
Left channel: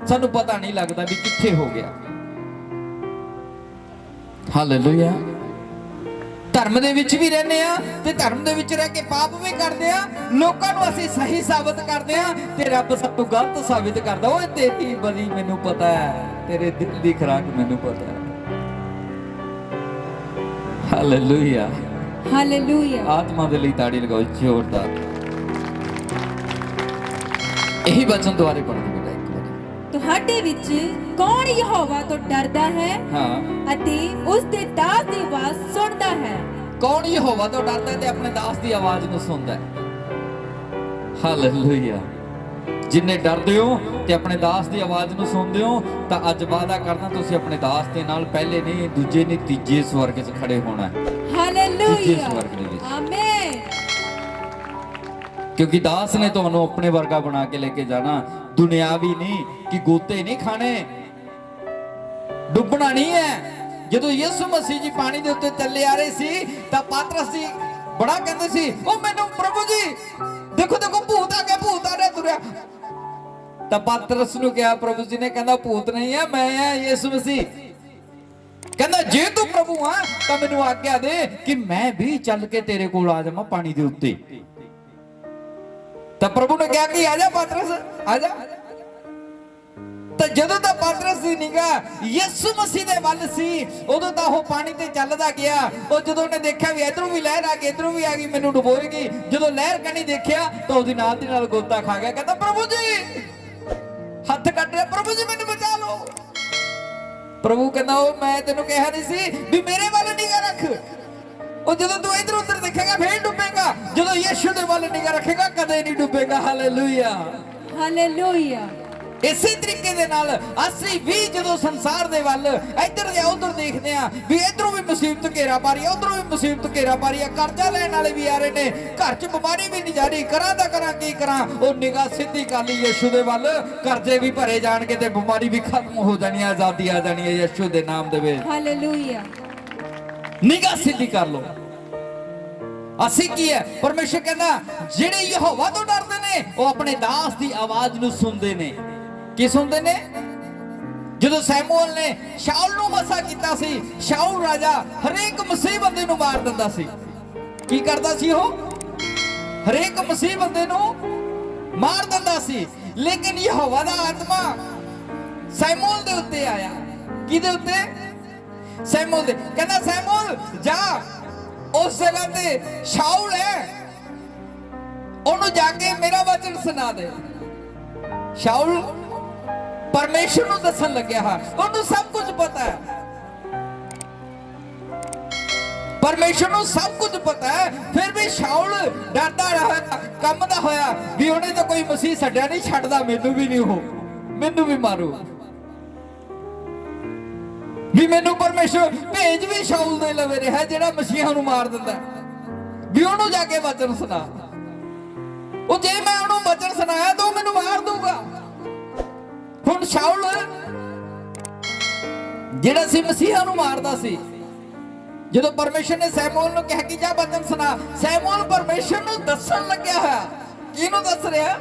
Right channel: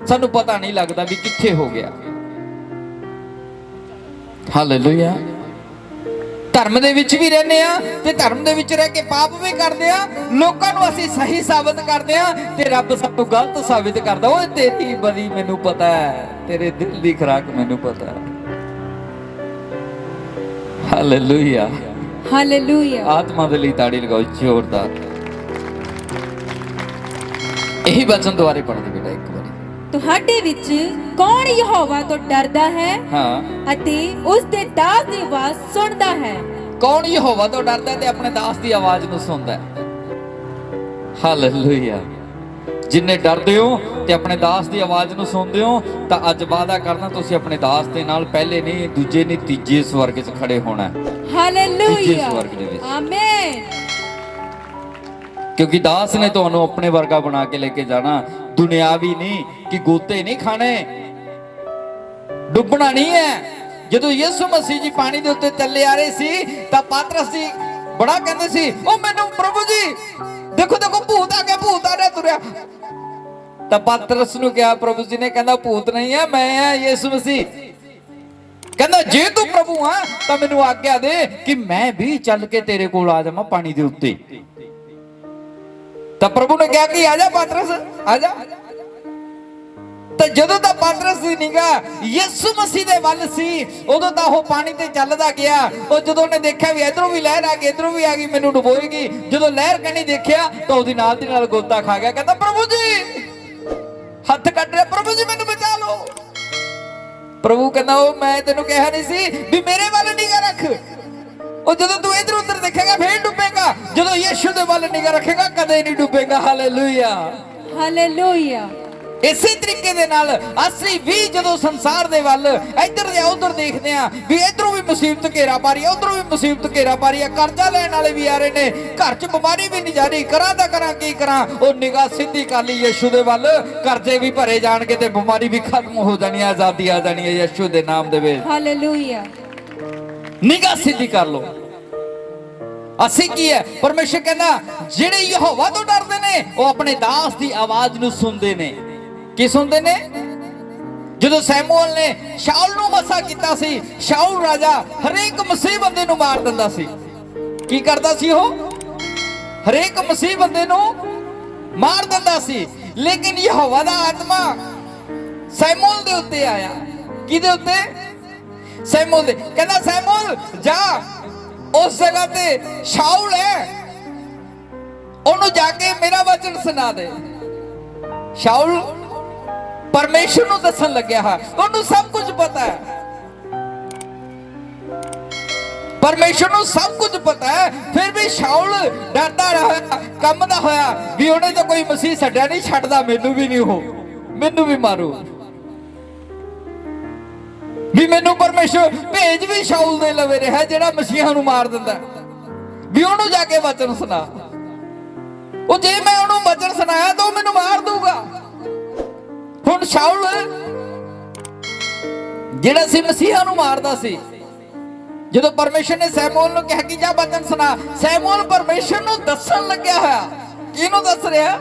ਸਾਨੂੰ ਪਤਾ ਨਹੀਂ ਲੱਗਦਾ ਵੀ ਕਿੱਥੇ ਹੋ ਗਿਆ। ਹਾਲੇਲੂਇਆ। ਧਰਮ ਦੇ ਵਿੱਚ ਵੀ ਰਹਿੰਦੇ ਆ ਤੇ ਧਰਮ ਦੇ ਵਿੱਚ ਰਹਿ ਕੇ ਪਾਪ ਵੀ ਕਰਦੇ ਆ। ਲੋਕਾਂ ਨੂੰ ਅਸੀਂ ਸਹੀ ਸਾਬਤ ਕਰਦੇ ਆ ਤੇ ਰੱਬ ਸਾਨੂੰ ਗਲਤ ਸਾਬਤ ਕਰਦਾ। ਓਏ ਤੇਰੀ ਬੜੀ ਮੈਨੂੰ ਪਤਾ ਹੈ, ਤੇਰੇ ਦਿਲ ਦੀ ਖੁਰਾਕ ਮੈਨੂੰ ਪਤਾ ਹੈ। ਹਾਲੇਲੂਇਆ। ਹਾਲੇਲੂਇਆ। ਆਤਮਾ ਦੇ ਲਈ ਤਾੜੀ ਲਗਾਓ ਜ਼ੋਰਦਾਰ। ਇਹੀ ਵਚਨ ਦੁਆਰੇ ਪੜ੍ਹ ਦੇਵੇਗਾ ਇੱਕ ਵਾਰੀ। ਤੁਹਾਡੇ ਵਿੱਚ ਕੌਣ ਯਹੋਵਾ ਤੋਂ ਡਰਦਾ ਹੈ ਹਾਂ, ਅਤੇ ਉਸ ਦੇ ਦਾਸ ਦੀ ਆਵਾਜ਼ ਸੁਣਦਾ ਹੈ? ਕੌਣ ਯਹੋਵਾ ਤੋਂ ਡਰਦਾ ਹੈ ਤੇ ਆਪਣੇ ਦਾਸ ਦੀ ਆਵਾਜ਼ ਨੂੰ ਸੁਣਦਾ ਹੈ? ਹਾਲੇਲੂਇਆ। ਜਿੰਨੇ ਡਰਦੇ ਹੋ ਤੇ ਆਪਣੇ ਦਾਸ ਦੀ ਆਵਾਜ਼ ਨੂੰ ਸੁਣਦੇ ਹੋ ਤਾਂ ਅੱਜ ਵਾਅਦਾ ਕਰਨਾ ਤੁਸੀਂ ਆਪਣੇ ਦਾਸ ਦੇ ਨਾਲ ਪਹਿਲੇ ਨਹੀਂ, ਦੂਜੇ ਨਹੀਂ, ਤੀਜੇ ਸਵਰਗ 'ਚ ਖੜੇ ਹੋਣਾ ਹੈ। ਹਾਲੇਲੂਇਆ। ਸਵਰਗ ਦੇ ਵਿੱਚ। ਆਮੇਨ। ਕਿਉਂਕਿ ਦਾਸ ਨੇ ਤੁਹਾਨੂੰ ਆਪਣੇ ਵਰਗਾ ਬਣਾ ਕੇ ਲੈ ਕੇ ਜਾਣਾ। ਦੁਨਿਆਵੀ ਨਹੀਂ ਕਿ ਗੋਤੇ ਨਹੀਂ ਖਾਣੇ, ਡੁੱਬਣਾ ਨਹੀਂ ਹੈ। ਜਦੋਂ ਯਿਸੂ ਮਸੀਹ ਜੀ ਪਾਣੀ ਦੇ ਉੱਤੇ ਚੱਲੇ ਆ ਰਹੇ ਸੀ ਤਾਂ ਪਾਤਰਸ ਜੀ ਬੜਾ ਕਹਿੰਦੇ ਸੀ, ਉਹ ਮੈਨੂੰ ਪ੍ਰਭੂ ਜੀ ਦੇਖੋ ਦੇਖੋ ਭੂਤ ਆ ਗਿਆ, ਭੂਤ ਆ ਰਿਹਾ ਤੁਰਿਆ। ਤਾਂ ਪਾਤਰਸ ਨੂੰ ਕਿਹਾ, ਪ੍ਰਭੂ ਜੀ ਨੇ ਕਹਿੰਦਾ ਭੂਤ ਨਹੀਂ ਹੈ, ਮੈਂ ਆ ਯਿਸੂ ਮਸੀਹ। ਕਹਿੰਦਾ ਜੇ ਤੂੰ ਪ੍ਰਭੂ ਆ ਤਾਂ ਮੈਨੂੰ ਆਗਿਆ ਦੇ ਕਿ ਮੈਂ ਵੀ ਚੱਲ ਕੇ ਤੇਰੇ ਕੋਲ ਆ ਜਾਵਾਂ ਪਾਣੀ ਦੇ ਉੱਤੇ। ਤਾਂ ਪ੍ਰਭੂ ਨੇ ਕਿਹਾ ਕਿ ਆ ਜਾ ਪਾਤਰਸ, ਆ ਜਾ। ਤਾਂ ਜਦੋਂ ਤਾਂ ਪਾਤਰਸ ਦੀ ਨਿਗਾਹ ਯਿਸੂ ਮਸੀਹ ਦੇ ਵੱਲ ਸੀ, ਉਦੋਂ ਤਾਂ ਉਹ ਪਾਣੀ ਤੇ ਚੱਲਦਾ ਗਿਆ। ਉਹ ਜਦੋਂ ਉਹਨੇ ਦੇਖਿਆ ਵੀ ਇਧਰੋਂ ਵੀ ਲਹਿਰ ਆ ਗਈ, ਇਧਰੋਂ ਵੀ ਆ ਗਈ, ਮੈਨੂੰ ਡੁਬੋਏਗੀ, ਜਦੋਂ ਲਹਿਰ ਕਣੀ ਦੇਖਿਆ ਤਾਂ ਉਹਦੀ ਨਾਲ ਦੀ ਨਾਲ ਗੋਤਾ ਖਾ ਗਿਆ। ਕਹਿੰਦਾ ਪ੍ਰਭੂ ਜੀ, ਹੱਥ ਕੱਢ ਰਿਹਾ, ਪ੍ਰਭੂ ਜੀ ਮੈਨੂੰ ਬਚਾ ਲਓ। ਪ੍ਰਭੂ ਕਹਿੰਦਾ ਉਹ ਮੈਂ ਤੈਨੂੰ ਕਿਹਾ ਨਹੀਂ ਸੀ ਵੀ ਮੇਰੇ ਵੱਲ ਨਿਗਾਹ ਰੱਖ। ਉਹ ਜਦੋਂ ਤੂੰ ਇਧਰ ਉਧਰ ਦੇਖੇਗਾ ਫੇਰ ਡੁੱਬੇਗਾ, ਜਦੋਂ ਯਿਸੂ ਦੇ ਵੱਲ ਨਿਗਾਹ ਰੱਖੇਗਾ ਕਦੇ ਨਹੀਂ ਡੁੱਬੇਗਾ। ਹਾਲੇਲੂਇਆ। ਹਾਲੇਲੂਇਆ। ਇਸੇ ਤਰੀਕੇ ਦੇ ਨਾਲ ਅਸੀਂ ਵੀ ਜਦੋਂ ਸੰਸਾਰ ਦੇ ਵੱਲ ਇੱਧਰ ਜਾਂ ਉੱਧਰ ਦੇਖਦੇ ਆ ਵੀ ਇਧਰੋਂ ਵੀ ਮੁਸੀਬਤ ਘੇਰਾ ਪਾ ਰਹੀ ਹੈ, ਉਧਰੋਂ ਵੀ ਮੁਸੀਬਤ ਘੇਰਾ ਪਾ ਰਹੀ ਹੈ, ਕਰਜ਼ਾ ਲੈਣ ਵਾਲੇ ਵੀ ਆ ਰਹੇ ਨੇ, ਘਰ 'ਚ ਬਿਮਾਰੀ ਵੀ ਨਹੀਂ ਜਾ ਰਹੀ, ਕਰਾਂ ਤਾਂ ਕਰਾਂ ਕੀ ਕਰਾਂ। ਉਹ ਨਿਗਾਹ ਸਿੱਧੀ ਕਰ ਲਈ ਯਿਸੂ ਦੇ ਵੱਲ, ਕਰਜ਼ੇ ਵੀ ਭਰੇ ਜਾਣਗੇ ਤੇ ਬਿਮਾਰੀ ਵੀ ਖਤਮ ਹੋ ਜਾਣੀ ਹੈ, ਆਜ਼ਾਦੀ ਆ ਜਾਣੀ ਹੈ ਯਿਸੂ ਦੇ ਨਾਮ ਦੇ ਵਿੱਚ। ਹਾਲੇਲੂਇਆ। ਨਿਗਾਹ ਸਿੱਧੀ ਕਰ ਲਓ। ਅਸੀਂ ਕੀ ਹੈ, ਪਰਮੇਸ਼ਰ ਕਹਿੰਦਾ ਜਿਹੜੇ ਯਹੋਵਾ ਤੋਂ ਡਰਦੇ ਨੇ ਉਹ ਆਪਣੇ ਦਾਸ ਦੀ ਆਵਾਜ਼ ਨੂੰ ਸੁਣਦੇ ਨੇ। ਕੀ ਸੁਣਦੇ ਨੇ? ਜਦੋਂ ਸੈਮੂਅਲ ਨੇ ਸ਼ਾਉਲ ਨੂੰ ਮਸਾ ਕੀਤਾ ਸੀ, ਸ਼ਾਉਲ ਰਾਜਾ ਹਰੇਕ ਮਸੀਹ ਬੰਦੇ ਨੂੰ ਮਾਰ ਦਿੰਦਾ ਸੀ। ਕੀ ਕਰਦਾ ਸੀ ਉਹ? ਹਰੇਕ ਮਸੀਹ ਬੰਦੇ ਨੂੰ ਮਾਰ ਦਿੰਦਾ ਸੀ। ਲੇਕਿਨ ਯਹੋਵਾ ਦਾ ਆਤਮਾ ਸੈਮੂਅਲ ਦੇ ਉੱਤੇ ਆਇਆ। ਕਿਹਦੇ ਉੱਤੇ? ਸੈਮੂਅਲ ਦੇ। ਕਹਿੰਦਾ ਸੈਮੂਅਲ ਜਾ, ਉਸ ਜਗ੍ਹਾ ਤੇ ਸ਼ਾਉਲ ਹੈ, ਉਹਨੂੰ ਜਾ ਕੇ ਮੇਰਾ ਵਚਨ ਸੁਣਾ ਦੇ। ਸ਼ਾਉਲ ਪਰਮੇਸ਼ਰ ਨੂੰ ਦੱਸਣ ਲੱਗਿਆ ਹੈ, ਉਹਨੂੰ ਸਭ ਕੁਝ ਪਤਾ ਹੈ, ਪਰਮੇਸ਼ਰ ਨੂੰ ਸਭ ਕੁਝ ਪਤਾ ਹੈ। ਫਿਰ ਵੀ ਸ਼ਾਉਲ ਡਰਦਾ ਰਿਹਾ, ਕੰਬਦਾ ਹੋਇਆ ਵੀ ਉਹਨੇ ਤਾਂ ਕੋਈ ਮਸੀਹ ਛੱਡਿਆ ਨਹੀਂ, ਛੱਡਦਾ ਮੈਨੂੰ ਵੀ ਨਹੀਂ, ਉਹ ਮੈਨੂੰ ਵੀ ਮਾਰੂ, ਵੀ ਮੈਨੂੰ ਪਰਮੇਸ਼ਰ ਭੇਜ ਵੀ ਸ਼ਾਉਲ ਦੇ ਲਵੇ ਰਿਹਾ ਜਿਹੜਾ ਮਸੀਹਾਂ ਨੂੰ ਮਾਰ ਦਿੰਦਾ, ਵੀ ਉਹਨੂੰ ਜਾ ਕੇ ਵਚਨ ਸੁਣਾ। ਉਹ ਜੇ ਮੈਂ ਉਹਨੂੰ ਵਚਨ ਸੁਣਾਇਆ ਤਾਂ ਉਹ ਮੈਨੂੰ ਮਾਰ ਦੂਗਾ। ਹੁਣ ਸ਼ਾਉਲ ਜਿਹੜਾ ਸੀ ਮਸੀਹਾਂ ਨੂੰ ਮਾਰਦਾ ਸੀ, ਜਦੋਂ ਪਰਮੇਸ਼ਰ ਨੇ ਸੈਮੂਅਲ ਨੂੰ ਕਿਹਾ ਕਿ ਜਾ ਵਚਨ ਸੁਣਾ, ਸੈਮੂਅਲ ਪਰਮੇਸ਼ਰ ਨੂੰ ਦੱਸਣ ਲੱਗਿਆ ਹੋਇਆ। ਕਿਹਨੂੰ ਦੱਸ ਰਿਹਾ?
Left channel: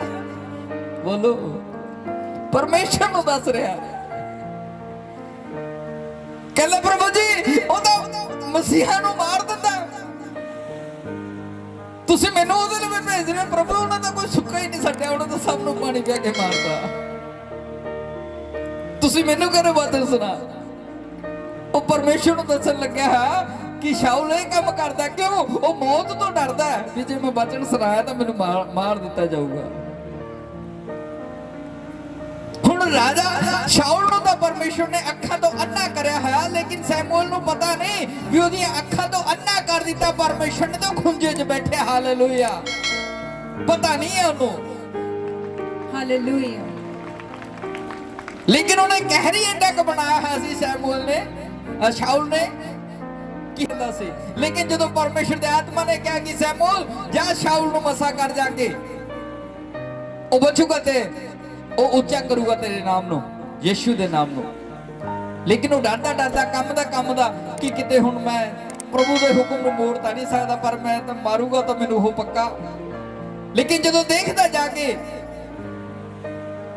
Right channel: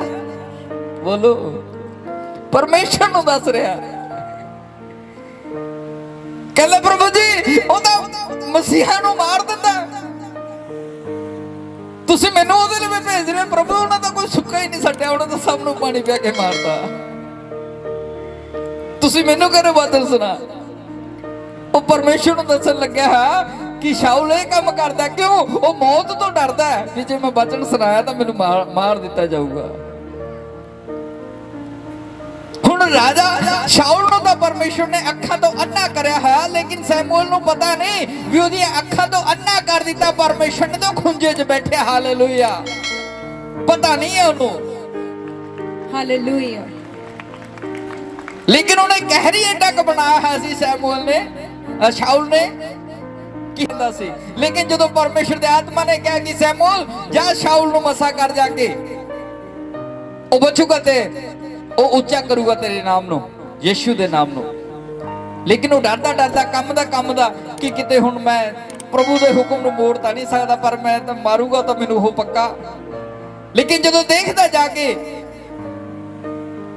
ਬੋਲੋ, ਪਰਮੇਸ਼ਰ ਨੂੰ ਦੱਸ ਰਿਹਾ। ਕਹਿੰਦਾ ਪ੍ਰਭੂ ਜੀ ਉਹ ਤਾਂ ਮਸੀਹਾਂ ਨੂੰ ਮਾਰ ਦਿੰਦਾ, ਤੁਸੀਂ ਮੈਨੂੰ ਉਹਦੇ ਲਈ ਭੇਜ ਰਹੇ। ਪ੍ਰਭੂ ਉਹਨਾਂ ਦਾ ਕੋਈ ਸੁੱਕਾ ਹੀ ਨਹੀਂ ਛੱਡਿਆ, ਉਹਨਾਂ ਤਾਂ ਸਭ ਨੂੰ ਪਾਣੀ ਪਿਆ ਕੇ ਮਾਰਦਾ, ਤੁਸੀਂ ਮੈਨੂੰ ਕਹਿੰਦੇ ਵਚਨ ਸੁਣਾ। ਉਹ ਪਰਮੇਸ਼ਰ ਨੂੰ ਦੱਸਣ ਲੱਗਿਆ ਹੈ ਕਿ ਸ਼ਾਉਲ ਇਹ ਕੰਮ ਕਰਦਾ ਕਿਉਂ? ਉਹ ਮੌਤ ਤੋਂ ਡਰਦਾ ਹੈ ਕਿ ਜੇ ਮੈਂ ਵਚਨ ਸੁਣਾਇਆ ਤਾਂ ਮੈਨੂੰ ਮਾਰ ਦਿੱਤਾ ਜਾਊਗਾ। ਹੁਣ ਰਾਜਾ ਸ਼ਾਉਲ ਨੂੰ ਤਾਂ ਪਰਮੇਸ਼ਰ ਨੇ ਅੱਖਾਂ ਤੋਂ ਅੰਨਾ ਕਰਿਆ ਹੋਇਆ, ਲੇਕਿਨ ਸੈਮੂਅਲ ਨੂੰ ਪਤਾ ਨਹੀਂ ਵੀ ਉਹਦੀਆਂ ਅੱਖਾਂ ਤੋਂ ਅੰਨਾ ਕਰ ਦਿੱਤਾ ਪਰਮੇਸ਼ਰ ਨੇ, ਤਾਂ ਖੁੰਝੇ 'ਚ ਬੈਠਿਆ। ਹਾਲੇਲੂਇਆ। ਪਤਾ ਨਹੀਂ ਹੈ ਉਹਨੂੰ। ਹਾਲੇਲੂਇਆ। ਲੇਕਿਨ ਉਹਨੇ ਕਹਿਰੀ ਏਡਾ ਕ ਬਣਾਇਆ ਹੋਇਆ ਸੀ ਸੈਮੂਅਲ ਨੇ, ਸ਼ਾਉਲ ਨੇ ਕੀ ਹੁੰਦਾ ਸੀ। ਲੇਕਿਨ ਜਦੋਂ ਪਰਮੇਸ਼ਰ ਦੇ ਆਤਮਾ ਨੇ ਕਿਹਾ ਕਿ ਸੈਮੂਅਲ ਜਾ ਸ਼ਾਉਲ ਨੂੰ ਮਸਾ ਕਰ ਜਾ ਕੇ, ਉਹ ਬਚੂਗਾ ਤੇ ਉਹ ਉੱਚਾ ਕਰੂਗਾ ਤੇਰੇ ਨਾਮ ਨੂੰ, ਯਿਸੂ ਦੇ ਨਾਮ ਨੂੰ। ਲੇਕਿਨ ਉਹ ਡਰਦਾ ਡਰਦਾ ਕੰਮ ਦਾ ਕਿ ਕਿਤੇ ਹੁਣ ਮੈਂ ਪ੍ਰਭੂ ਦੇ ਹੁਕਮ ਨੂੰ ਮੋੜ ਤਾਂ ਨਹੀਂ ਸਕਦਾ, ਪਰ ਮੈਂ ਤਾਂ ਮਾਰੂਗਾ ਤਾਂ ਮੈਨੂੰ ਉਹ ਪੱਕਾ। ਲੇਕਿਨ ਜਦੋਂ ਦੇਖਦਾ ਜਾ ਕੇ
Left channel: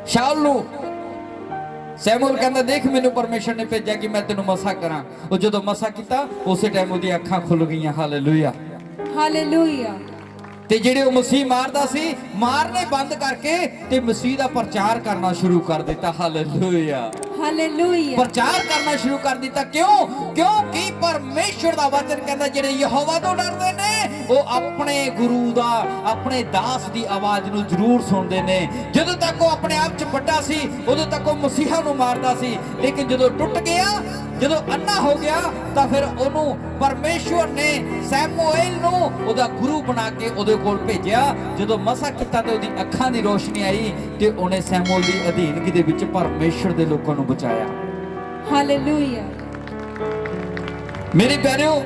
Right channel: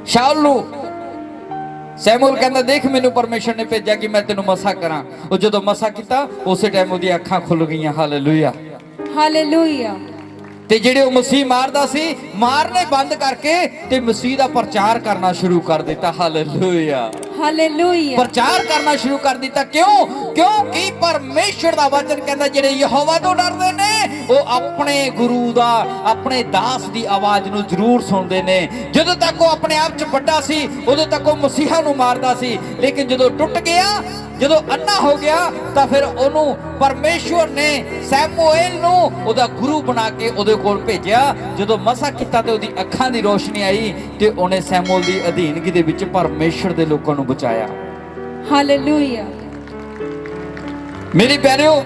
ਸ਼ਾਉਲ ਨੂੰ, ਸੈਮੂਅਲ ਕਹਿੰਦਾ ਦੇਖ ਮੈਨੂੰ ਪਰਮੇਸ਼ਰ ਨੇ ਭੇਜਿਆ ਕਿ ਮੈਂ ਤੈਨੂੰ ਮਸਾ ਕਰਾਂ। ਉਹ ਜਦੋਂ ਮਸਾ ਕੀਤਾ ਉਸੇ ਟਾਈਮ ਉਹਦੀਆਂ ਅੱਖਾਂ ਖੁੱਲ ਗਈਆਂ। ਹਾਲੇਲੂਇਆ। ਹਾਲੇਲੂਇਆ। ਤੇ ਜਿਹੜੇ ਉਹ ਮਸੀਹ ਮਾਰਦਾ ਸੀ, ਮਾਰਨੇ ਬੰਦ ਕਰਕੇ ਤੇ ਮਸੀਹ ਦਾ ਪ੍ਰਚਾਰ ਕਰਨਾ ਸ਼ੁਰੂ ਕਰ ਦਿੱਤਾ। ਹਾਲੇਲੂਇਆ। ਹਾਲੇਲੂਇਆ ਪ੍ਰਚਾਰ ਕਰਨਾ ਸ਼ੁਰੂ ਕਰ ਦਿੱਤਾ। ਕਿਉਂ? ਕਿਉਂਕਿ ਪਰਮੇਸ਼ਰ ਦਾ ਵਚਨ ਕਹਿੰਦਾ ਜਿਹੜੇ ਯਹੋਵਾ ਤੋਂ ਡਰਦੇ ਨੇ ਉਹ ਆਪਣੇ ਗੁਰੂ ਦਾ, ਆਪਣੇ ਦਾਸ ਦੀ ਆਵਾਜ਼ ਨੂੰ ਜ਼ਰੂਰ ਸੁਣਦੇ ਨੇ। ਜਦੋਂ ਤੱਕ ਉਹ ਆਪਣੇ ਆਪ 'ਚ ਵੱਡਾ ਸੀ ਉਦੋਂ ਤੱਕ ਉਹ ਮਸੀਹਾ ਨੂੰ ਮਾਰਦਾ ਸੀ, ਲੇਕਿਨ ਜਦੋਂ ਟੁੱਟ ਗਿਆ, ਜਦੋਂ ਅੰਨਾ ਹੋ ਗਿਆ, ਤਾਂ ਫਿਰ ਉਹਨੂੰ ਪਰਮੇਸ਼ਵਰ ਨੇ ਸੈਮੂਏਲ ਨੂੰ ਉਹਦਾ ਗੁਰੂ ਬਣਾ ਕੇ ਉਹਦੇ ਕੋਲ ਭੇਜਿਆ। ਜਦੋਂ ਮਸਾ ਕੀਤਾ ਤੇ ਉਹਦੀ ਅੱਖਾਂ ਦੀ ਰੋਸ਼ਨੀ ਆਈ ਤੇ ਉਹਨੇ ਸੈਮੂਏਲ ਦੀ ਅਧੀਨਗੀ ਦੇ ਵਿੱਚ ਪਰਮੇਸ਼ਵਰ ਦੇ ਲੋਕਾਂ ਨੂੰ ਬਚਾਇਆ। ਹਾਲੇਲੂਇਆ ਮੇਰੇ ਪਿਆਰਿਓ,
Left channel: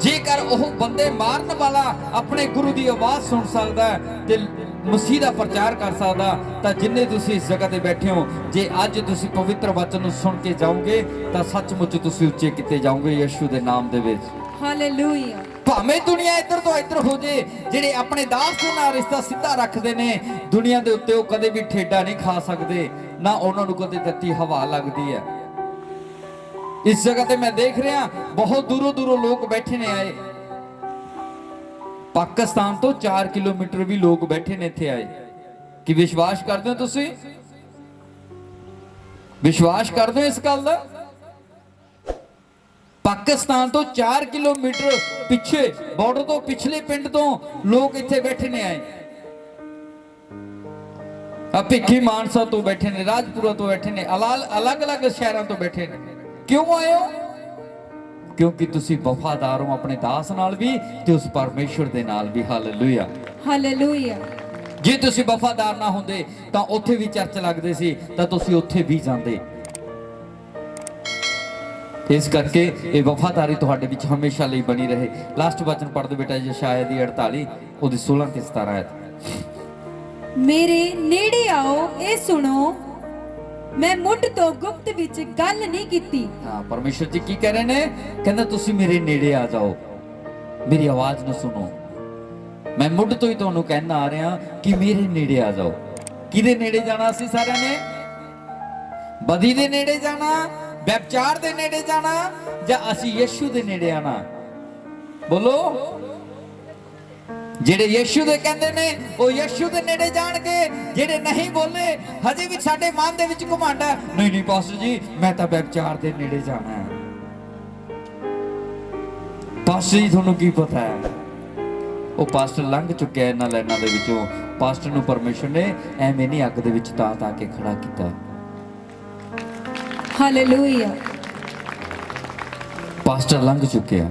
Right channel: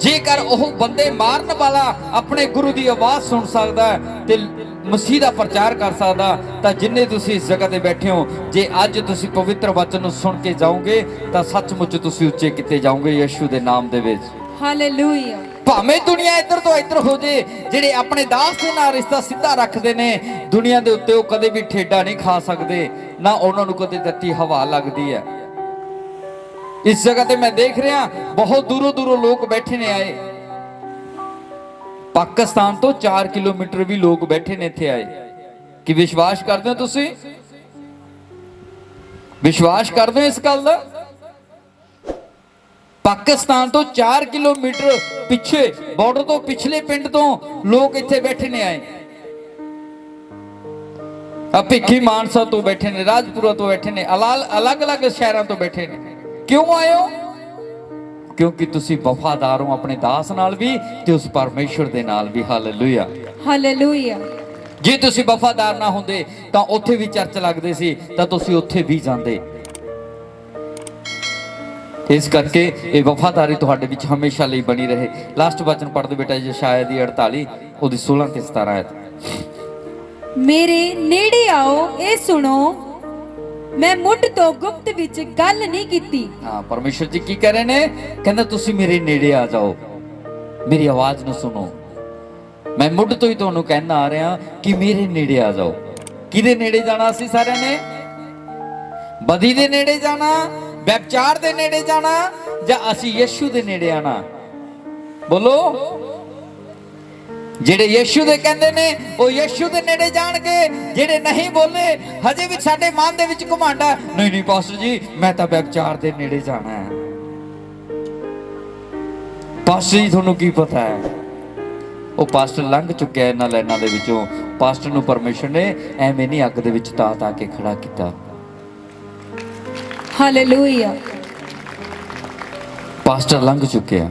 ਜੇਕਰ ਉਹ ਬੰਦੇ ਮਾਰਨ ਵਾਲਾ ਆਪਣੇ ਗੁਰੂ ਦੀ ਆਵਾਜ਼ ਸੁਣ ਸਕਦਾ ਤੇ ਮਸੀਹ ਦਾ ਪ੍ਰਚਾਰ ਕਰ ਸਕਦਾ, ਤਾਂ ਜਿੰਨੇ ਤੁਸੀਂ ਇਸ ਜਗ੍ਹਾ ਤੇ ਬੈਠੇ ਹੋ, ਜੇ ਅੱਜ ਤੁਸੀਂ ਪਵਿੱਤਰ ਵਚਨ ਨੂੰ ਸੁਣ ਕੇ ਜਾਓਗੇ ਤਾਂ ਸੱਚਮੁੱਚ ਤੁਸੀਂ ਉੱਚੇ ਕੀਤੇ ਜਾਓਗੇ ਯਿਸੂ ਦੇ ਨਾਮ ਦੇ ਵਿੱਚ। ਹਾਲੇਲੂਇਆ ਭਾਵੇਂ ਦੁਨੀਆ ਇੱਧਰ ਤੋਂ ਇੱਧਰ ਹੋ ਜੇ, ਜਿਹੜੇ ਆਪਣੇ ਦਾਸ ਦੇ ਨਾਲ ਰਿਸ਼ਤਾ ਸਿੱਧਾ ਰੱਖਦੇ ਨੇ, ਦੁਨੀਆ ਦੇ ਉੱਤੇ ਉਹ ਕਦੇ ਵੀ ਠੇਡਾ ਨਹੀਂ ਖਾ ਸਕਦੇ, ਨਾ ਉਹਨਾਂ ਨੂੰ ਕਦੇ ਤੱਤੀ ਹਵਾ ਲੱਗਦੀ ਹੈ। ਇਸ ਜਗ੍ਹਾ ਤੇ ਮੈਂ ਦੇਖ ਰਿਹਾ ਬਹੁਤ ਦੂਰੋਂ ਦੂਰੋਂ ਲੋਕ ਬੈਠੇ ਨੇ ਆਏ। ਪਾਕਿਸਤਾਨ ਤੋਂ 4 ਕਿਲੋਮੀਟਰ ਵੀ ਲੋਕ ਬੈਠੇ ਨੇ ਇੱਥੇ ਆਏ। ਕਿ ਵਿਸ਼ਵਾਸ ਕਰਦੇ ਹੋ ਤੁਸੀਂ? ਵਿਸ਼ਵਾਸ ਕਰਦੇ ਹੋ ਇਸ ਗੱਲ ਦਾ? ਪਾਕਿਸਤਾਨ ਤੋਂ 4 ਕਿਲੋਮੀਟਰ ਪਿੱਛੇ, ਬਾਰਡਰ ਤੋਂ ਪਿਛਲੇ ਪਿੰਡ ਤੋਂ ਲੋਕ ਇੱਥੇ ਬੈਠੇ ਨੇ ਆਏ। ਆ ਭਿੱਖੀ ਮਾਨਸਾ ਤੋਂ ਬੈਠੇ ਨੇ, ਰਾਜਪੁਰਾ ਤੋਂ ਬੈਠੇ ਨੇ, ਅਲੱਗ-ਅਲੱਗ ਸ਼ਹਿਰਾਂ ਤੋਂ ਬੈਠੇ ਨੇ। ਕਿਉਂ ਆਏ ਹੋ? ਕਿਉਂਕਿ ਤੁਸੀਂ ਵਫਾਦਾਰ ਹੋ ਆਪਣੇ ਦਾਸ ਨਾਲ ਵੀ ਤੇ ਉਸ ਪਰਮੇਸ਼ਵਰ ਦੇ ਨਾਲ ਵੀ। ਹਾਲੇਲੂਇਆ ਹਾਲੇਲੂਇਆ ਜੇ ਤੁਸੀਂ ਵਫਾਦਾਰ ਨਾ ਹੁੰਦੇ ਤਾਂ ਉੱਥੇ ਵੀ ਚਰਚ ਲੱਗਦੇ ਸੀ, ਤਾਂ ਤੁਸੀਂ ਉੱਥੇ ਵੀ ਜਾਂਦੇ। ਇਸ ਕਰਕੇ ਇਹ ਵਫਾਦਾਰੀ ਤੁਹਾਡੇ ਵਿੱਚ ਹਮੇਸ਼ਾ ਲਈ ਬਣੀ ਰਹੇ। ਲਾਸਟ ਵਚਨ ਪੜ੍ਹ ਦਿਓ ਬੇਟਾ, ਯਸ਼ਾਇਆ ਦੀ 48 ਉਹਦੀ 16 ਤੇ 17 ਹੈ। ਮੇਰੇ ਨੇੜੇ ਆਓ, ਇਹ ਸੁਣੋ, ਮੈਂ ਮੁੱਢ ਤੋਂ ਗੁਪਤ ਵਿੱਚ ਗੱਲ ਨਹੀਂ ਕੀਤੀ। ਹਾਂ, ਪਰਮੇਸ਼ਰ ਜੀ ਕੀ ਕਹਿ ਰਹੇ ਨੇ? ਕਹਿੰਦਾ ਤੁਸੀਂ ਮੇਰੇ ਨੇੜੇ ਆ ਜਾਓ, ਮੇਰੀ ਆਵਾਜ਼ ਨੂੰ ਸੁਣੋ। ਮੈਂ ਮੁੱਢ ਤੋਂ ਹੀ ਤੁਹਾਨੂੰ ਕਹਿਣਾ ਆ ਰਿਹਾ ਕਿ ਮੇਰੇ ਨੇੜੇ ਆ ਜਾਓ। ਕਿਹਦੇ ਨੇੜੇ ਜਾਣਾ? ਅਸੀਂ ਸਾਰਿਆਂ ਨੇ ਬਦੀ ਦੇ ਨੇੜੇ ਜਾਣਾ, ਵਿਚਾਰ ਦੇ ਨੇੜੇ ਜਾਣਾ, ਜਾਂ ਅਸੀਂ ਯਿਸੂ ਦੇ ਨੇੜੇ ਆਣਾ? ਬੋਲੋ। ਜਿਹੜੇ ਯਿਸੂ ਦੇ ਕਹਿੰਦੇ ਨੇ ਉਹ ਯਿਸੂ ਦੇ ਨੇੜੇ ਜਾਣਗੇ। ਜਿਹੜੇ ਨਹੀਂ ਬੋਲੇ, ਹਜੇ ਵੀ ਸਾਡੇ ਮਨ ਦੇ ਵਿੱਚ ਘਮੰਡ ਹੈ, ਨਹੀਂ ਨਹੀਂ ਪਾਸਟਰ ਜੀ ਮੈਂ ਤਾਂ ਵਿਚਾਰ ਦੇ ਨੇੜੇ ਜਾਣਾ ਹੈ। ਪਾਸਟਰ ਜੀ ਤੁਹਾਨੂੰ ਕੀ ਪਤਾ ਹੈ? ਉਹ ਪਾਸਟਰ ਲੰਘ ਚੁੱਕਿਆ ਇਹਨਾਂ ਲਾਈਨਾਂ ਦੇ ਵਿੱਚੋਂ। ਪਾਸਟਰ ਨੂੰ ਪਰਮੇਸ਼ਰ ਨੇ ਐਵੇਂ ਨਹੀਂ ਅੱਗ ਦੇ ਵਿੱਚ ਤਾਂ ਕੇ ਖੜਾ ਕੀਤਾ। ਹਾਲੇਲੂਇਆ ਪਾਸਟਰ ਲੰਘ ਚੁੱਕਿਆ।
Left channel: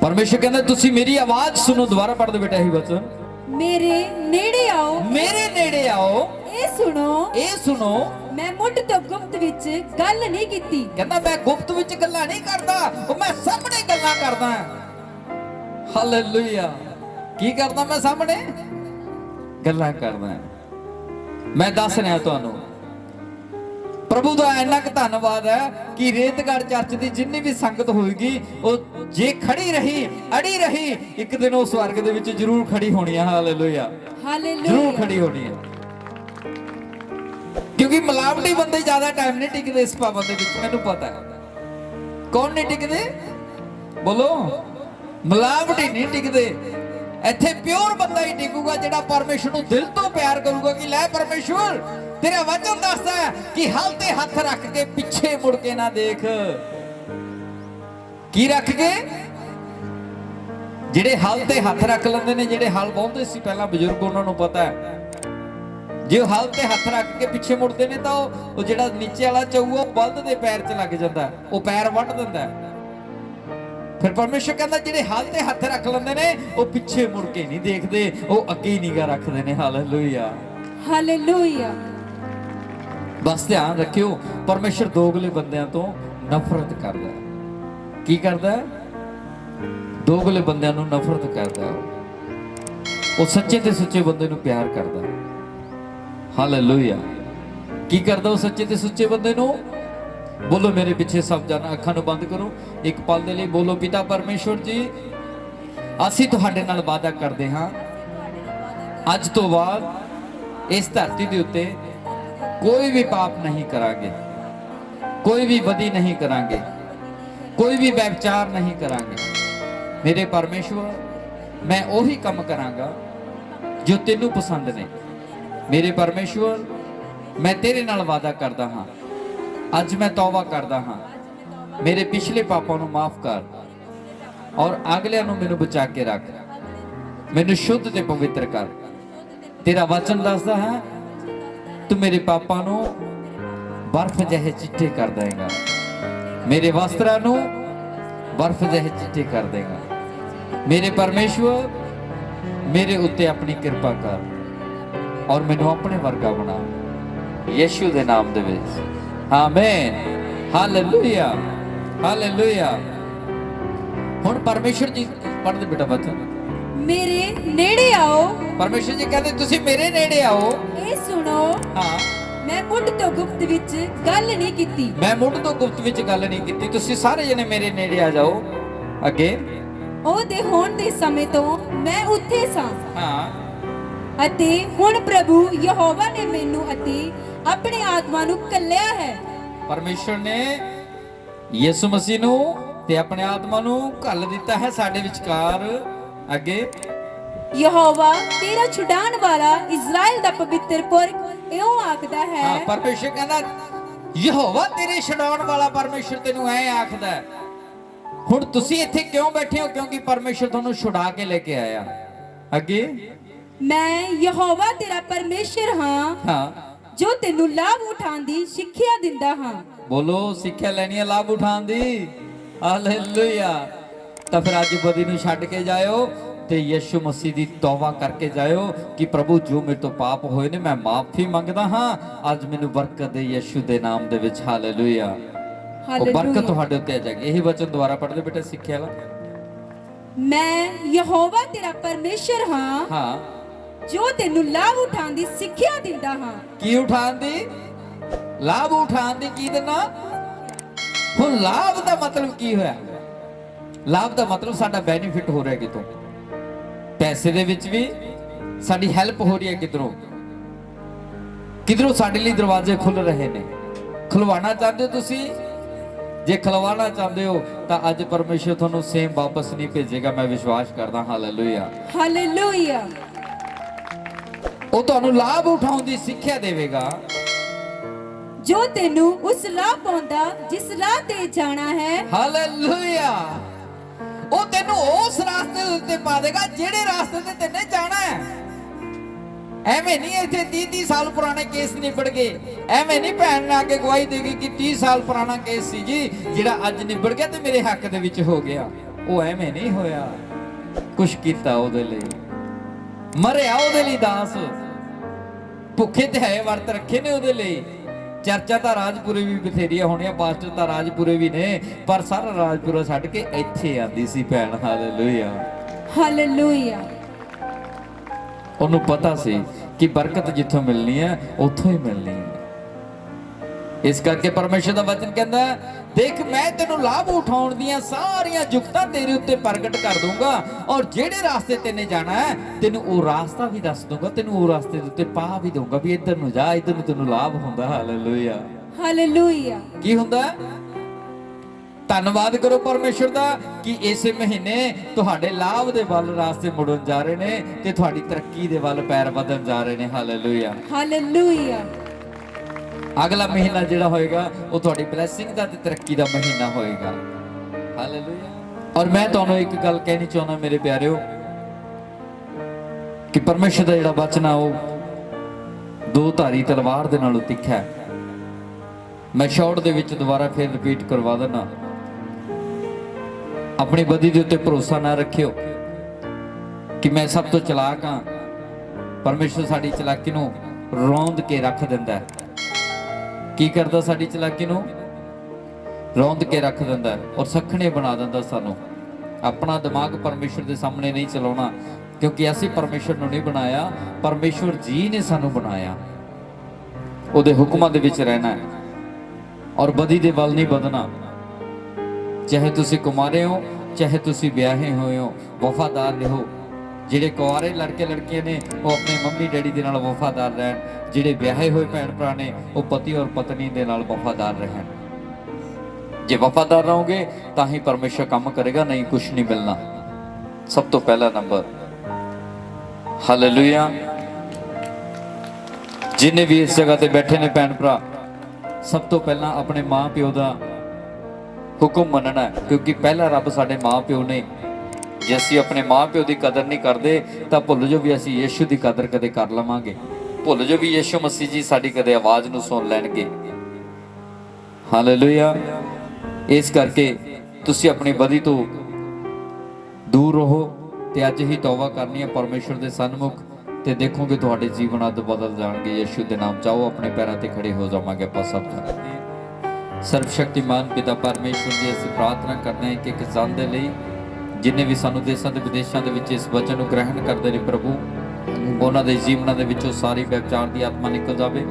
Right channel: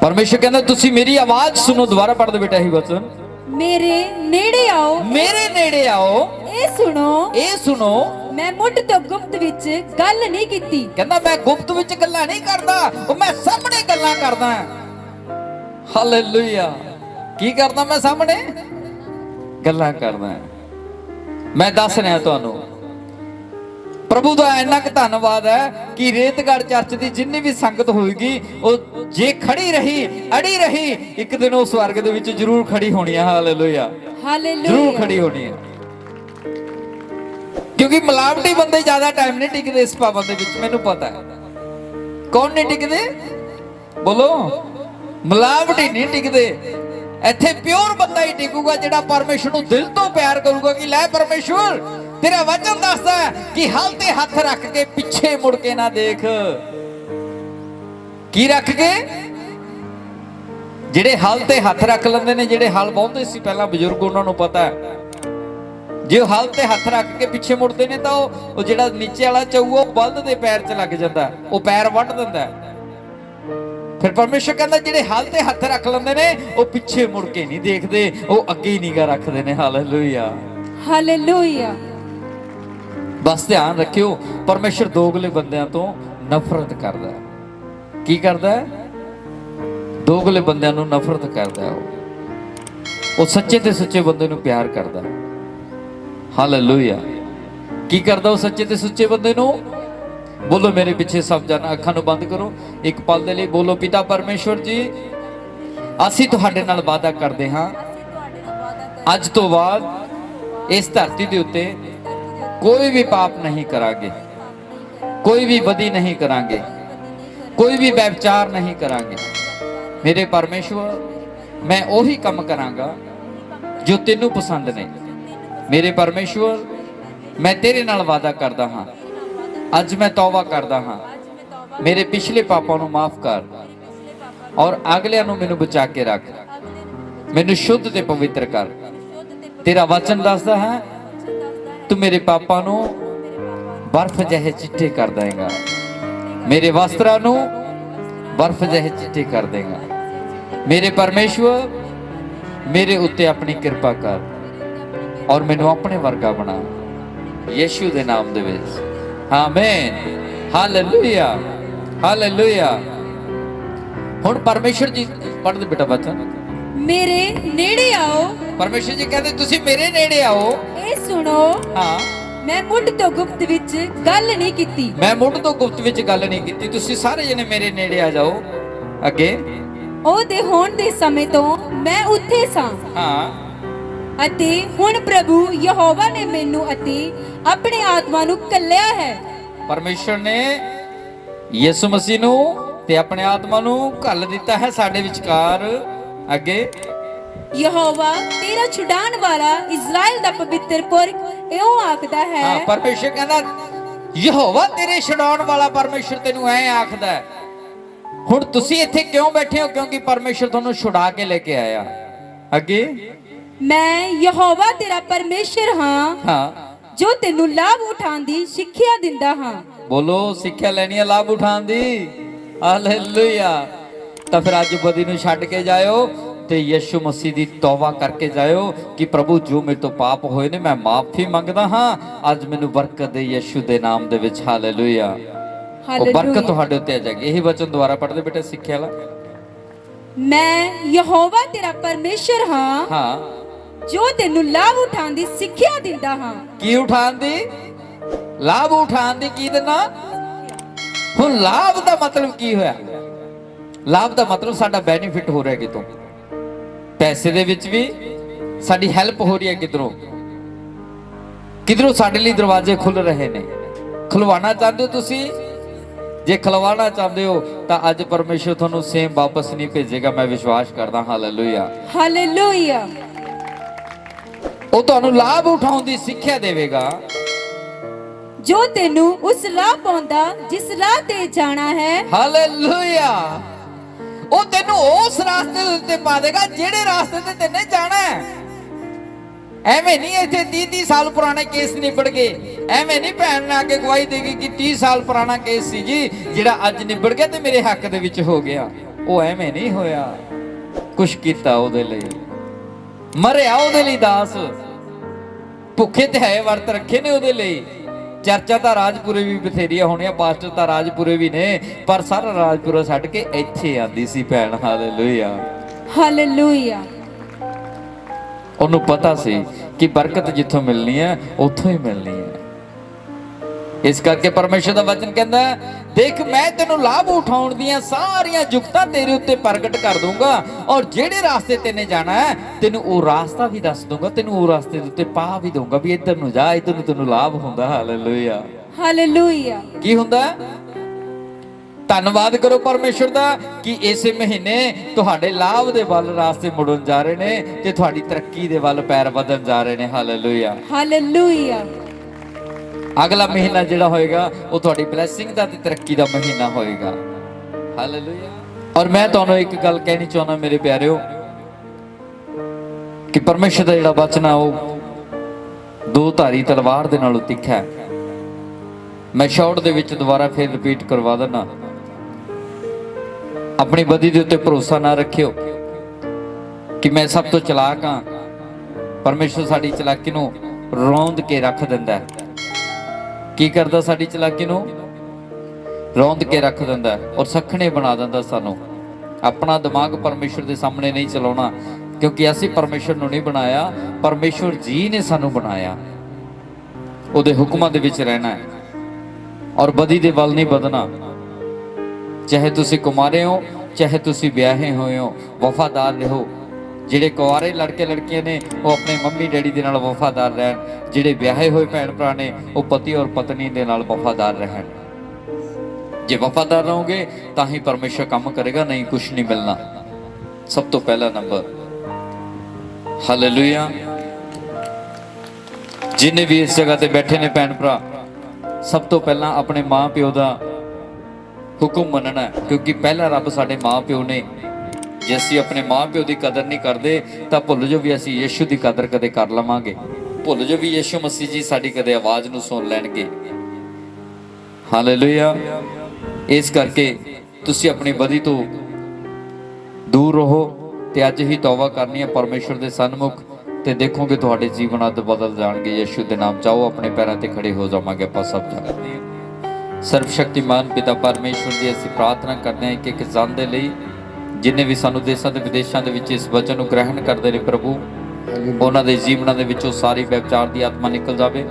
ਪਰਮੇਸ਼ਰ ਕਹਿੰਦਾ ਤੁਸੀਂ ਮੇਰੀ ਆਵਾਜ਼ ਸੁਣੋ। ਦੁਬਾਰਾ ਪੜ੍ਹ ਦੇ ਬੇਟਾ ਇਹੀ ਵਚਨ, ਮੇਰੇ ਨੇੜੇ ਆਓ, ਮੇਰੇ ਨੇੜੇ ਆਓ, ਇਹ ਸੁਣੋ, ਇਹ ਸੁਣੋ, ਮੈਂ ਮੁੱਢ ਤੋਂ ਗੁਪਤ ਵਿੱਚ ਗੱਲ ਨਹੀਂ ਕੀਤੀ। ਕਹਿੰਦਾ ਮੈਂ ਗੁਪਤ ਵਿੱਚ ਗੱਲਾਂ ਨਹੀਂ ਕਰਦਾ, ਉਹ ਮੈਂ ਸਾਹਮਣੇ ਗੱਲਾਂ ਕਰਦਾ। ਹਾਲੇਲੂਇਆ ਕੀ ਕਰਦਾ? ਮੈਂ ਸਾਹਮਣੇ ਗੱਲਾਂ ਕਰਦਾ। ਮੈਂ ਦੱਸ ਰਿਹਾ ਤੁਹਾਨੂੰ, ਪ੍ਰਭੂ ਦਾ ਇੰਨਾ ਕੁ ਧੰਨਵਾਦ ਹੈ ਕਿ ਰੇਤਗੜ੍ਹ ਚਰਚ ਦੀ ਜਿੰਨੀ ਵੀ ਸੰਗਤ ਹੋਏਗੀ, ਉਹ ਜੇ ਖੜੀ ਰਹੀ, ਅੜੀ ਰਹੀ, ਇੱਕ ਦਿਨ ਉਹ ਸਵਰਗ ਦੇ ਵਿੱਚ ਜ਼ਰੂਰ ਖੜੀ ਹੋਣੀ ਹੈ। ਹਾਲੇਲੂਇਆ ਜ਼ਰੂਰ ਖੜੀ ਹੋਣੀ ਹੈ। ਕਿਉਂਕਿ ਮਿਲਾਵਟੀ ਬੰਦੇ ਜ਼ਿਆਦਾ ਟਾਈਮ ਨਹੀਂ ਟਿਕਦੇ ਇਸ ਪਾਵਨ ਦੇ ਵਿੱਚ, ਮੈਨੂੰ ਪਤਾ ਹੈ। ਕੌਣ ਨਹੀਂ ਟਿਕਦੇ? ਬੋਲੋ। ਮਿਲਾਵਟੀ ਨਹੀਂ ਟਿਕਦੇ। ਇੱਥੇ ਪਿਓਰ ਬੰਦਾ ਹੀ ਟਿਕੂਗਾ, ਜਿਹੜਾ ਪਰਮੇਸ਼ਰ ਨੂੰ ਦਿਲ ਤੋਂ ਪਿਆਰ ਕਰੂਗਾ ਕਿ ਲੈ ਪਰਮੇਸ਼ਰ ਤੇਰਾ ਵਚਨ ਦੱਸਦਾ ਹੈ ਕਿ ਹਲ ਤੇ ਹੱਥ ਰੱਖ ਕੇ ਪਿੱਛੇ ਮੁੜ ਕੇ ਨਾ ਦੇਖ। ਕੀ ਰੱਖ ਕੇ? ਜਿਹੜੇ ਹਲ ਤੇ ਹੱਥ ਰੱਖ ਲੈਂਦੇ ਨੇ, ਜਿਹੜੇ ਹਲ ਵਾਹੁੰਦੇ ਸੀ ਪਹਿਲਾਂ ਬਜ਼ੁਰਗ, ਉਹਨਾਂ ਨੂੰ ਪਤਾ ਹੈ ਜੇ ਹਲ ਤੇ ਹੱਥ ਰੱਖ ਕੇ ਪਿੱਛੇ ਮੁੜਦੇ ਨੇ ਤਾਂ ਉਹ ਜਿਹੜਾ ਨੀਚੇ ਵਾਲਾ ਚਊ ਉਹ ਬਲਦ ਦੇ ਪੈਰ 'ਚ ਲੱਗ ਜਾਂਦਾ, ਉਹ ਪੈਰ ਵੱਢ ਦਿੰਦਾ। ਫਿਰ ਪਰਮੇਸ਼ਰ ਕਹਿੰਦਾ ਜਿਹੜੇ ਹਲ ਤੇ ਹੱਥ ਰੱਖ ਲੈਂਦੇ ਨੇ ਉਹ ਪਿੱਛੇ ਮੁੜ ਕੇ ਨਹੀਂ ਦੇਖਦੇ, ਉਹ ਅੱਗੇ ਹੀ ਨਿਗਾਹ ਰੱਖਦੇ ਨੇ। ਹਾਲੇਲੂਇਆ ਹਾਲੇਲੂਇਆ ਬਸ ਧਿਆਨ ਰੱਖਿਓ, ਪਰਮੇਸ਼ਰ ਦੋਗਲੇ ਬੰਦਿਆਂ ਤੋਂ ਨਫ਼ਰਤ ਕਰਦਾ ਹੈ। ਕੀ ਕਰਦਾ ਹੈ? ਦੋਗਲੇ ਬੰਦਿਆਂ ਨੂੰ ਨਫ਼ਰਤ ਕਰਦਾ ਹੈ। ਉਹ ਸੱਚੇ ਤੇ ਸੱਚੇ ਬੰਦੇ ਨੂੰ ਪਿਆਰ ਕਰਦਾ ਹੈ। ਹਾਲੇਲੂਇਆ ਕੀ ਕਰਦਾ ਉਹ ਸੱਚੇ ਤੇ ਸੱਚੇ ਬੰਦੇ ਨੂੰ? ਬੋਲੋ ਮੇਰੇ ਪਿੱਛੇ ਸਭ ਜਨ, ਅੱਖਾਂ ਨੂੰ ਬੰਦ ਕਰੋ ਇੱਕ ਪਲ ਦੇ ਲਈ। ਬੋਲੋ ਪਿਤਾ ਪਰਮੇਸ਼ਵਰ ਜੀ, ਅਸੀਂ ਤੁਹਾਡੇ ਨਾਲ ਵਾਅਦਾ ਕਰਦੇ ਹਾਂ, ਅੱਜ ਤੋਂ ਬਾਅਦ ਇਸ ਧਰਤੀ ਦੇ ਉੱਤੇ ਕੋਈ ਵੀ ਪਾਪ ਨਹੀਂ ਕਰਾਂਗੇ, ਕੋਈ ਵੀ ਬਦੀ ਨਹੀਂ ਕਰਾਂਗੇ, ਕੋਈ ਵੀ ਵਿਚਾਰ ਨਹੀਂ ਕਰਾਂਗੇ। ਮੇਰੇ ਪਰਮੇਸ਼ਵਰ, ਮੈਂ ਉਹੀ ਕੰਮ ਕਰਾਂਗਾ ਜੋ ਤੈਨੂੰ ਪਸੰਦ ਨਹੀਂ। ਮੇਰੇ ਪਰਮੇਸ਼ਵਰ, मैं तेरे नाल वादा करदा हां, अज मैं तौबा करदा हां, मेरे पिछले पापां नूं माफ कर और अगलियां नूं मैनूं बचा के रख, मैनूं शुद्ध ते पवित्र कर। तेरा वचन दसदा है तू मेरे पापां नूं बर्फ जहे चिट्टे कर देगा, मेरे वस्त्रां नूं बर्फ जहे चिट्टे कर देगा। मेरे परमेश्वर मेरे उत्ते अपनी कृपा कर और मैनूं अपने वर्गा बना, यीशु दे नाम दे विच आमीन। Hallelujah hallelujah. हुण परमेश्वर जी पढ़ दे बेटा वचन। मेरे नेड़े आओ, परमेश्वर जी कहते तुसी मेरे नेड़े आओ। ਇਹ ਸੁਣੋ, हाँ, ਮੈਂ ਮੁੱਢ ਤੋਂ ਗੁਪਤ ਵਿੱਚ ਗੱਲ ਨਹੀਂ ਕੀਤੀ। मैं मुढ़ तो गुप्त विच गल नहीं कीती, तुसी सारे जने मेरे नेड़े आ जाओ। अगे ਉਹਦੇ ਹੋਣ ਦੇ ਸਮੇਂ ਤੋਂ ਮੈਂ ਉੱਥੇ ਸਾਂ हाँ, ਅਤੇ ਹੁਣ ਪ੍ਰਭੂ ਯਹੋਵਾ ਨੇ ਮੈਨੂੰ ਅਤੇ ਆਪਣੀ ਆਤਮਾ ਨੂੰ ਕੱਲਿਆ ਹੈ। परमेश्वर ने यीशु मसीह नूं ते अपने आत्मा नूं घल दिता है साडे विचकार। अगे ਯਹੋਵਾ ਤੇਰਾ ਛੁਡਾਉਣ ਵਾਲਾ ਇਜ਼ਰਾਈਲ ਦਾ ਪਵਿੱਤਰ ਪੁਰਖ ਇਉਂ ਆਖਦਾ ਹੈ। हाँ, परमेश्वर कहना यहोवा तेरे छुड़ाउण वाला परमेश्वर तेनू ऐ आखदा है। हुण तुसी इत्थे क्यों बैठे हो? क्योंकि परमेश्वर तुहानू छुड़ा के लेके आया। अगे ਮੈਂ ਯਹੋਵਾ ਤੇਰਾ ਪਰਮੇਸ਼ਰ ਹਾਂ हाँ, ਜੋ ਤੈਨੂੰ ਲਾਭ ਉਠਾਉਣ ਦੀ ਸਿੱਖਿਆ ਦਿੰਦਾ ਹਾਂ। बोलो सिक्ख्या लैनी है लाभ उठाउण दी। हालेलुया। तां फिर अज बदी नूं छड्ड के जाओ ते यीशु मसीह दी तौबा करके जाओ कि प्रभु जो मेरे तो पाप होए ने मैं माफी मंगदा हां, अज मैनू बरकत दे यीशु दे नाम दे विच। हालेलुया। ਉਹ ਬਰਕਤ ਤੁਹਾਡੇ ਉੱਤੇ ਆ ਜਾਏਗੀ। ਇਹੀ ਵਚਨ ਦੁਆਰਾ ਪੜ੍ਹਦੇ ਬੇਟੇ ਸਿੱਖਿਆ ਲਾ। ਮੈਂ ਯਹੋਵਾ ਤੇਰਾ ਪਰਮੇਸ਼ਰ ਹਾਂ ਹਾਂ, ਜੋ ਤੈਨੂੰ ਲਾਭ ਉਠਾਉਣ ਦੀ ਸਿੱਖਿਆ ਦਿੰਦਾ ਹਾਂ। ਕੀ ਉਠਾਉਣ ਦੀ? ਲਾਭ ਉਠਾਉਣ ਦੀ ਕੀ ਦੇਣਾ? ਹੁਣ ਲਾਭ ਦਾ ਮਤਲਬ ਕੀ ਹੋਇਆ? ਲਾਭ ਦਾ ਮਤਲਬ ਸਾਡਾ ਬੈਨੀਫਿਟ ਹੋ ਰਿਹਾ ਕਿਤੋਂ, ਪੈਸੇ ਦੇ ਵਿੱਚ ਵੀ ਸਾਡੀ ਹੈਲਪ ਹੋ ਰਹੀ ਹੈ, ਕਿਧਰੋਂ ਕਿਧਰੋਂ ਸਾਡੇ ਲਈ ਦਰਵਾਜ਼ੇ ਖੁੱਲ ਰਹੇ ਨੇ। ਖੁਲਵਾਉਣਾ ਚਾਹੁੰਦੇ ਹੋ ਤੁਸੀਂ? ਜੇ ਖਲਵਾਣਾ ਚਾਹੁੰਦੇ ਹੋ ਤਾਂ ਅੱਜ ਪਰਮੇਸ਼ਰ ਤੁਹਾਨੂੰ ਸੇਮ ਵਾਪਸ ਨਹੀਂ ਭੇਜੇਗਾ, ਮੈਂ ਵਿਸ਼ਵਾਸ ਕਰਦਾ। Hallelujah hallelujah. ਉਹ ਤੁਹਾਨੂੰ ਲਾਭ ਉਠਾਉਣ ਦੀ ਸਿੱਖਿਆ ਦੇਵੇਗਾ, ਜੋ ਤੈਨੂੰ ਉਸ ਰਾਹ ਪਾਉਂਦਾ ਜਿਸ ਰਾਹ ਤੇ ਜਾਣਾ ਹੈ। ਹਾਲੇਲੂਇਆ। ਉਹ ਤੈਨੂੰ ਉਸ ਰਾਸਤੇ ਦੇ ਉੱਤੇ ਪਾ ਦੇਗਾ ਜਿਹੜੇ ਰਾਸਤੇ ਤੇ ਤੈਨੇ ਜਾਣਾ ਹੈ। ਐਵੇਂ ਨਹੀਂ ਇੱਥੇ 30 ਸਾਲ ਪੁਰਾਣੇ ਕੇਸ ਨਿਬੜ ਗਏ। ਐਵੇਂ ਨਹੀਂ ਭੈਣ ਨੇ ਆ ਕੇ ਗਵਾਹੀ ਦੇਗੀ ਕਿ 30 ਸਾਲ ਪੁਰਾਣਾ ਕੇਸ ਸੀ ਜੀ ਜਿਹੜਾ ਅੱਜ ਨਿਬੜ ਗਿਆ ਤੇ ਮੇਰੇ ਹੱਕ ਦੇ ਵਿੱਚ ਹੋ ਗਿਆ। ਉਹ ਐਵੇਂ ਨਹੀਂ ਹੋਇਆ। ਕੁਛ ਕੀਤਾ ਉਹਦੇ ਲਈ, ਮਰਿਆ ਉਹਦੇ ਲਈ ਦਾਸ, ਭੁੱਖੇ ਤੇ ਹੈ ਵਰਤ ਰੱਖੇ ਨੇ ਉਹਦੇ ਲਈ। ਚਰਚਾ ਤਾਂ ਰਾਜਪੁਰੇ ਵੀ ਬਥੇਰੀਆਂ ਹੋਣੀਆਂ, ਪਾਸਟਰ ਤਾਂ ਰਾਜਪੁਰੇ ਵੀ ਨੇ, ਪਰ ਸਾਰਾ ਰਾਜਪੁਰਾ ਛੱਡ ਕੇ ਇੱਥੇ ਆਂਦੀ ਸੀ ਭੈਣ। Hallelujah hallelujah. ਉਹਨੂੰ ਪਤਾ ਸੀ ਕਿ ਬਰਕਤ ਜਿੱਥੋਂ ਮਿਲਣੀ ਹੈ ਉੱਥੋਂ ਹੀ ਮਿਲਣੀ ਹੈ। ਇਸ ਕਰਕੇ ਪਰਮੇਸ਼ਰ ਦਾ ਵਚਨ ਕਹਿੰਦਾ ਦੇਖ ਮੈਂ ਤੈਨੂੰ ਲਾਭ ਉਠਾਉਣ ਦੀਆਂ ਸਾਰੀਆਂ ਜੁਗਤਾਂ ਤੇਰੇ ਉੱਤੇ ਪ੍ਰਗਟ ਕਰ ਦੂੰਗਾ, ਔਰ ਜਿਹੜੇ ਰਾਸਤੇ ਤੈਨੇ ਜਾਣਾ ਹੈ ਤੈਨੂੰ ਉਹ ਰਾਸਤਾ ਵੀ ਦੱਸ ਦੂੰਗਾ, ਤੈਨੂੰ ਉਹ ਰਾਸਤੇ ਦੇ ਉੱਤੇ ਪਾ ਵੀ ਦੂੰਗਾ ਵੀ ਇੱਧਰ ਨੂੰ ਜਾ, ਇੱਧਰ ਨੂੰ ਤੈਨੂੰ ਲਾਭ ਹੁੰਦਾ। Hallelujah hallelujah. ਕੀ ਹੁੰਦਾ? ਧੰਨਵਾਦ ਕਰੋ ਪਰਮੇਸ਼ਰ ਦਾ ਕਿ ਇਸੇ ਮਹੀਨੇ ਤੁਹਾਡੇ ਲਾਭ ਦੇ ਵੱਲ ਰਾਸਤੇ ਮੁੜਨ ਜਾ ਰਹੇ ਨੇ ਤੇ ਤੁਹਾਡੀ ਤਰੱਕੀ ਦੇ ਵੱਲ ਪੈਰ ਵਧਣ ਜਾ ਰਹੇ ਨੇ। Hallelujah hallelujah. ਅਗਲਾ ਮਹੀਨਾ ਜਿਹੜਾ ਹੋਏਗਾ ਉਹ ਤੁਹਾਡੀ ਬਲੇਸਿੰਗ ਦਾ ਤੇ ਤਰੱਕੀ ਦਾ ਮਹੀਨਾ ਹੋਏਗਾ। ਹਾਲੇਲੂਇਆ। ਔਰ ਮੈਂ ਤੁਹਾਨੂੰ ਇੱਕ ਗੱਲ ਕਹਿਣੀ ਚਾਹੁੰਦਾ ਮੇਰੇ ਪਿਆਰਿਓ ਕਿ ਪਰਮੇਸ਼ਰ ਦਾ ਜਿਹੜਾ ਵਚਨ ਆ ਉਹ ਦੋ ਧਾਰੀ ਤਲਵਾਰ ਦੇ ਨਾਲੋਂ ਤਿੱਖਾ ਹੈ। ਮੈਂ ਸ਼ਾਰਟ ਦੇ ਵਿੱਚ ਦੁਬਾਰਾ ਫਿਰ ਰਿਪੀਟ ਕਰਵਾ ਦਿੰਦਾ, ਆਪਣੀ ਬਦੀ ਦੇ ਉੱਤੇ ਭਰੋਸਾ ਨਾ ਰੱਖਿਓ ਕਿ ਮੈਂ ਸਭ ਤੋਂ ਚਲਾਕ ਹਾਂ। ਪਰਮੇਸ਼ਰ ਸਾਡੀ ਚਲਾਕੀ ਨੂੰ ਰੌਂਦ ਕੇ ਰੱਖ ਦਿੰਦਾ ਹੈ। ਕੀ ਕਰਦਾ? ਸਾਡੀ ਚਲਾਕੀ ਨੂੰ ਰੌਂਦ ਕੇ ਰੱਖ ਦਿੰਦਾ ਔਰ ਸਖਣੇ ਬਣਾ ਦਿੰਦਾ ਸਾਨੂੰ। ਆਪਣਾ ਦਿਮਾਗ ਪਰਮੇਸ਼ਰ ਦੇ ਸਾਹਮਣੇ ਨਹੀਂ ਚਲਾਉਣਾ, ਕਿਉਂਕਿ ਅਸੀਂ ਪਰਮੇਸ਼ਰ ਨੂੰ ਨਹੀਂ ਬਣਾਇਆ, ਪਰਮੇਸ਼ਰ ਜੀ ਨੇ ਸਾਨੂੰ ਬਣਾਇਆ। ਉਹਦੇ ਹੁਕਮਾਂ ਦੇ ਵਿੱਚ ਰਹਿਣਾ ਹੈ ਔਰ ਬਦੀ ਦੇ ਵੱਲ ਨਹੀਂ ਵਧਣਾ। ਚਾਹੇ ਤੁਸੀਂ ਕੁਮਾਰੇ ਹੋ, ਚਾਹੇ ਤੁਸੀਂ ਵਿਆਹੇ ਹੋਏ ਹੋ, ਵਫਾਦਾਰ ਰਹੋ। ਜਿਹੜੇ ਕੁਆਰੇ ਲੜਕੇ ਲੜਕੀਆਂ ਨੇ ਉਹ ਆਪਣੇ ਮੰਮੀ ਡੈਡੀ ਦੇ ਨਾਲ ਵਫਾਦਾਰ ਰਹਿਣ, ਜਿਹੜੇ ਵਿਆਹੇ ਹੋਏ ਭੈਣ ਭਰਾ ਨੇ ਉਹ ਪਤੀ ਔਰ ਪਤਨੀ ਦੇ ਨਾਲ ਵਫਾਦਾਰ ਰਹਿਣ। ਜੇ ਵਫਾਦਾਰ ਰਹੋਗੇ ਤਾਂ ਹੀ ਪਰਮੇਸ਼ਰ ਕੰਮ ਕਰੇਗਾ, ਨਹੀਂ ਕੁਛ ਨਹੀਂ ਮਿਲਣਾ। ਸਭ ਤੋਂ ਪਹਿਲਾ ਨੰਬਰ। ਹਾਲੇਲੂਇਆ। ਜਿੰਨੇ ਵੀ ਇਸ ਜਗ੍ਹਾ ਤੇ ਬੈਠੇ ਨੇ ਭੈਣ ਭਰਾ, ਸਭ ਤੋਂ ਪਹਿਲਾਂ ਆਪਣੇ ਮਾਂ ਪਿਓ ਦਾ ਹੁਕਮ ਮੰਨਣਾ ਹੈ, ਕਿਉਂਕਿ ਪਹਿਲਾ ਰੱਬ ਸਾਡੇ ਮਾਂ ਪਿਓ ਨੇ। ਜੇ ਅਸੀਂ ਆਪਣੇ ਮਾਂ ਪਿਓ ਦੀ ਕਦਰ ਨਹੀਂ ਕਰਦੇ ਤਾਂ ਭੁੱਲ ਜੋ ਵੀ ਅਸੀਂ ਯਿਸੂ ਦੀ ਕਦਰ ਕਦੇ ਕਰ ਲਵਾਂਗੇ। ਭੁੱਲ ਜੋ ਵੀ ਯਿਸੂ ਮਸੀਹ ਜੀ ਸਾਡੀ ਕਦੇ ਆਵਾਜ਼ ਨੂੰ ਸੁਣ ਲੈਣਗੇ। ਹਾਲੇਲੂਇਆ। ਇਸ ਕਰਕੇ ਤੁਸੀਂ ਆਪਣੀ ਬਦੀ ਤੋਂ ਦੂਰ ਰਹੋ ਤੇ ਅੱਜ ਹੀ ਤੌਬਾ ਕਰਨੀ ਹੈ ਪਰਮੇਸ਼ਰ ਦੇ ਸਨਮੁਖ, ਤੇ ਦੇਖੋਗੇ ਤੁਹਾਡੇ ਜੀਵਨ ਅੱਧ ਬਦਲ ਜਾਣਗੇ। ਯਿਸੂ ਦੇ ਨਾਮ ਚਾਹੋ ਆਪਣੇ ਪੈਰਾਂ ਤੇ ਖੜੇ ਹੋ ਜਾਵਾਂਗੇ ਆਪਾਂ ਸਭ ਜਣੇ। ਸਰਵਸ਼ਕਤੀਮਾਨ ਪਿਤਾ ਪਰਮੇਸ਼ਰ ਦੀ ਅਸੀਂ ਪ੍ਰਾਰਥਨਾ ਕਰਦੇ ਹਾਂ ਕਿ ਕਿਸਾਨ ਦੇ ਲਈ ਜਿੰਨੇ ਵੀ ਸਾਨੂੰ ਦੇਸ਼ਾਂ ਤੇ ਵਿਦੇਸ਼ਾਂ ਦੇ ਵਿੱਚ ਇਸ ਵਚਨ ਨੂੰ ਗ੍ਰਹਿਣ ਕਰਦੇ ਨੇ ਪ੍ਰਭੂ, ਉਹਨਾਂ ਦੇ ਜੀਵਨਾਂ ਦੇ ਵਿੱਚੋਂ ਸਾਰੀ ਵਿਚਾਰ ਦੀ ਆਤਮਾ ਨਿਕਲ ਜਾਵੇ,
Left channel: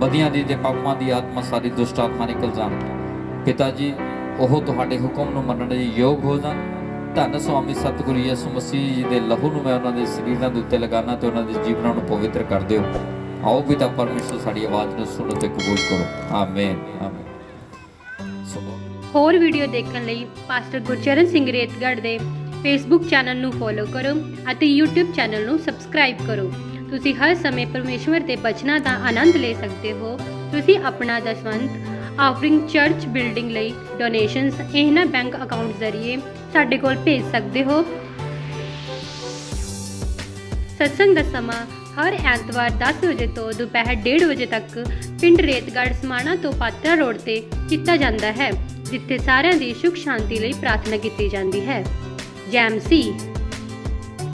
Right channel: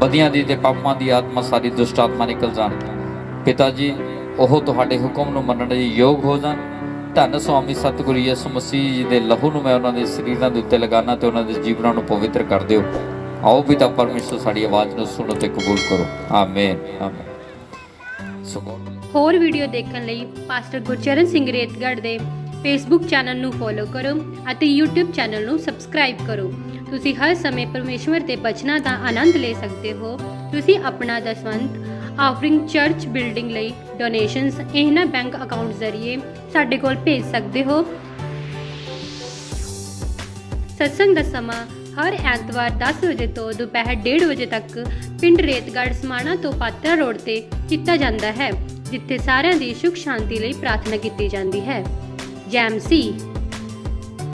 ਬਦੀਆਂ ਦੀ ਤੇ ਪਾਪਾਂ ਦੀ ਆਤਮਾ, ਸਾਰੀ ਦੁਸ਼ਟ ਆਤਮਾ ਨਿਕਲ ਜਾਣ। ਪਿਤਾ ਜੀ, ਉਹ ਤੁਹਾਡੇ ਹੁਕਮ ਨੂੰ ਮੰਨਣ ਦੇ ਯੋਗ ਹੋ ਜਾਣ। ਧੰਨ ਸੁਆਮੀ ਸਤਿਗੁਰੂ ਯਿਸੂ ਮਸੀਹ ਜੀ ਦੇ ਲਹੂ ਨੂੰ ਮੈਂ ਉਹਨਾਂ ਦੇ ਸਰੀਰਾਂ ਦੇ ਉੱਤੇ ਲਗਾਉਣਾ ਤੇ ਉਹਨਾਂ ਦੇ ਜੀਵਨਾਂ ਨੂੰ ਪਵਿੱਤਰ ਕਰ ਦਿਓ। ਆਓ ਪਿਤਾ ਪਰਮੇਸ਼ਰ ਸਾਡੀ ਆਵਾਜ਼ ਨੂੰ ਸੁਣੋ ਤੇ ਕਬੂਲ ਕਰੋ। Amen amen. ਹੋਰ ਵੀਡੀਓ ਦੇਖਣ ਲਈ ਪਾਸਟਰ ਗੁਰਚਰਨ ਸਿੰਘ ਰੇਤਗੜ੍ਹ ਦੇ ਫੇਸਬੁੱਕ ਚੈਨਲ ਨੂੰ ਫੋਲੋ ਕਰੋ ਅਤੇ YouTube ਚੈਨਲ ਨੂੰ ਸਬਸਕ੍ਰਾਈਬ ਕਰੋ। ਤੁਸੀਂ ਹਰ ਸਮੇਂ ਪਰਮੇਸ਼ਵਰ ਦੇ ਬਚਨਾਂ ਦਾ ਆਨੰਦ ਲੈ ਸਕਦੇ ਹੋ। ਤੁਸੀਂ ਆਪਣਾ ਦਸਵੰਧ ਆਫਰਿੰਗ ਚਰਚ ਬਿਲਡਿੰਗ ਲਈ ਡੋਨੇਸ਼ਨਸ ਇਹਨਾਂ ਬੈਂਕ ਅਕਾਊਂਟ ਜ਼ਰੀਏ ਸਾਡੇ ਕੋਲ ਭੇਜ ਸਕਦੇ ਹੋ। ਸਤਸੰਗ ਦਾ ਸਮਾਂ ਹਰ ਐਤਵਾਰ 10 ਵਜੇ ਤੋਂ ਦੁਪਹਿਰ 1:30 ਵਜੇ ਤੱਕ ਪਿੰਡ ਰੇਤਗੜ੍ਹ ਸਮਾਣਾ ਤੋਂ ਪਾਤਰਾ ਰੋਡ ਤੇ ਕੀਤਾ ਜਾਂਦਾ ਹੈ, ਜਿੱਥੇ ਸਾਰਿਆਂ ਦੀ ਸੁਖ ਸ਼ਾਂਤੀ ਲਈ ਪ੍ਰਾਰਥਨਾ ਕੀਤੀ ਜਾਂਦੀ ਹੈ। ਜੈ ਮਸੀਹ।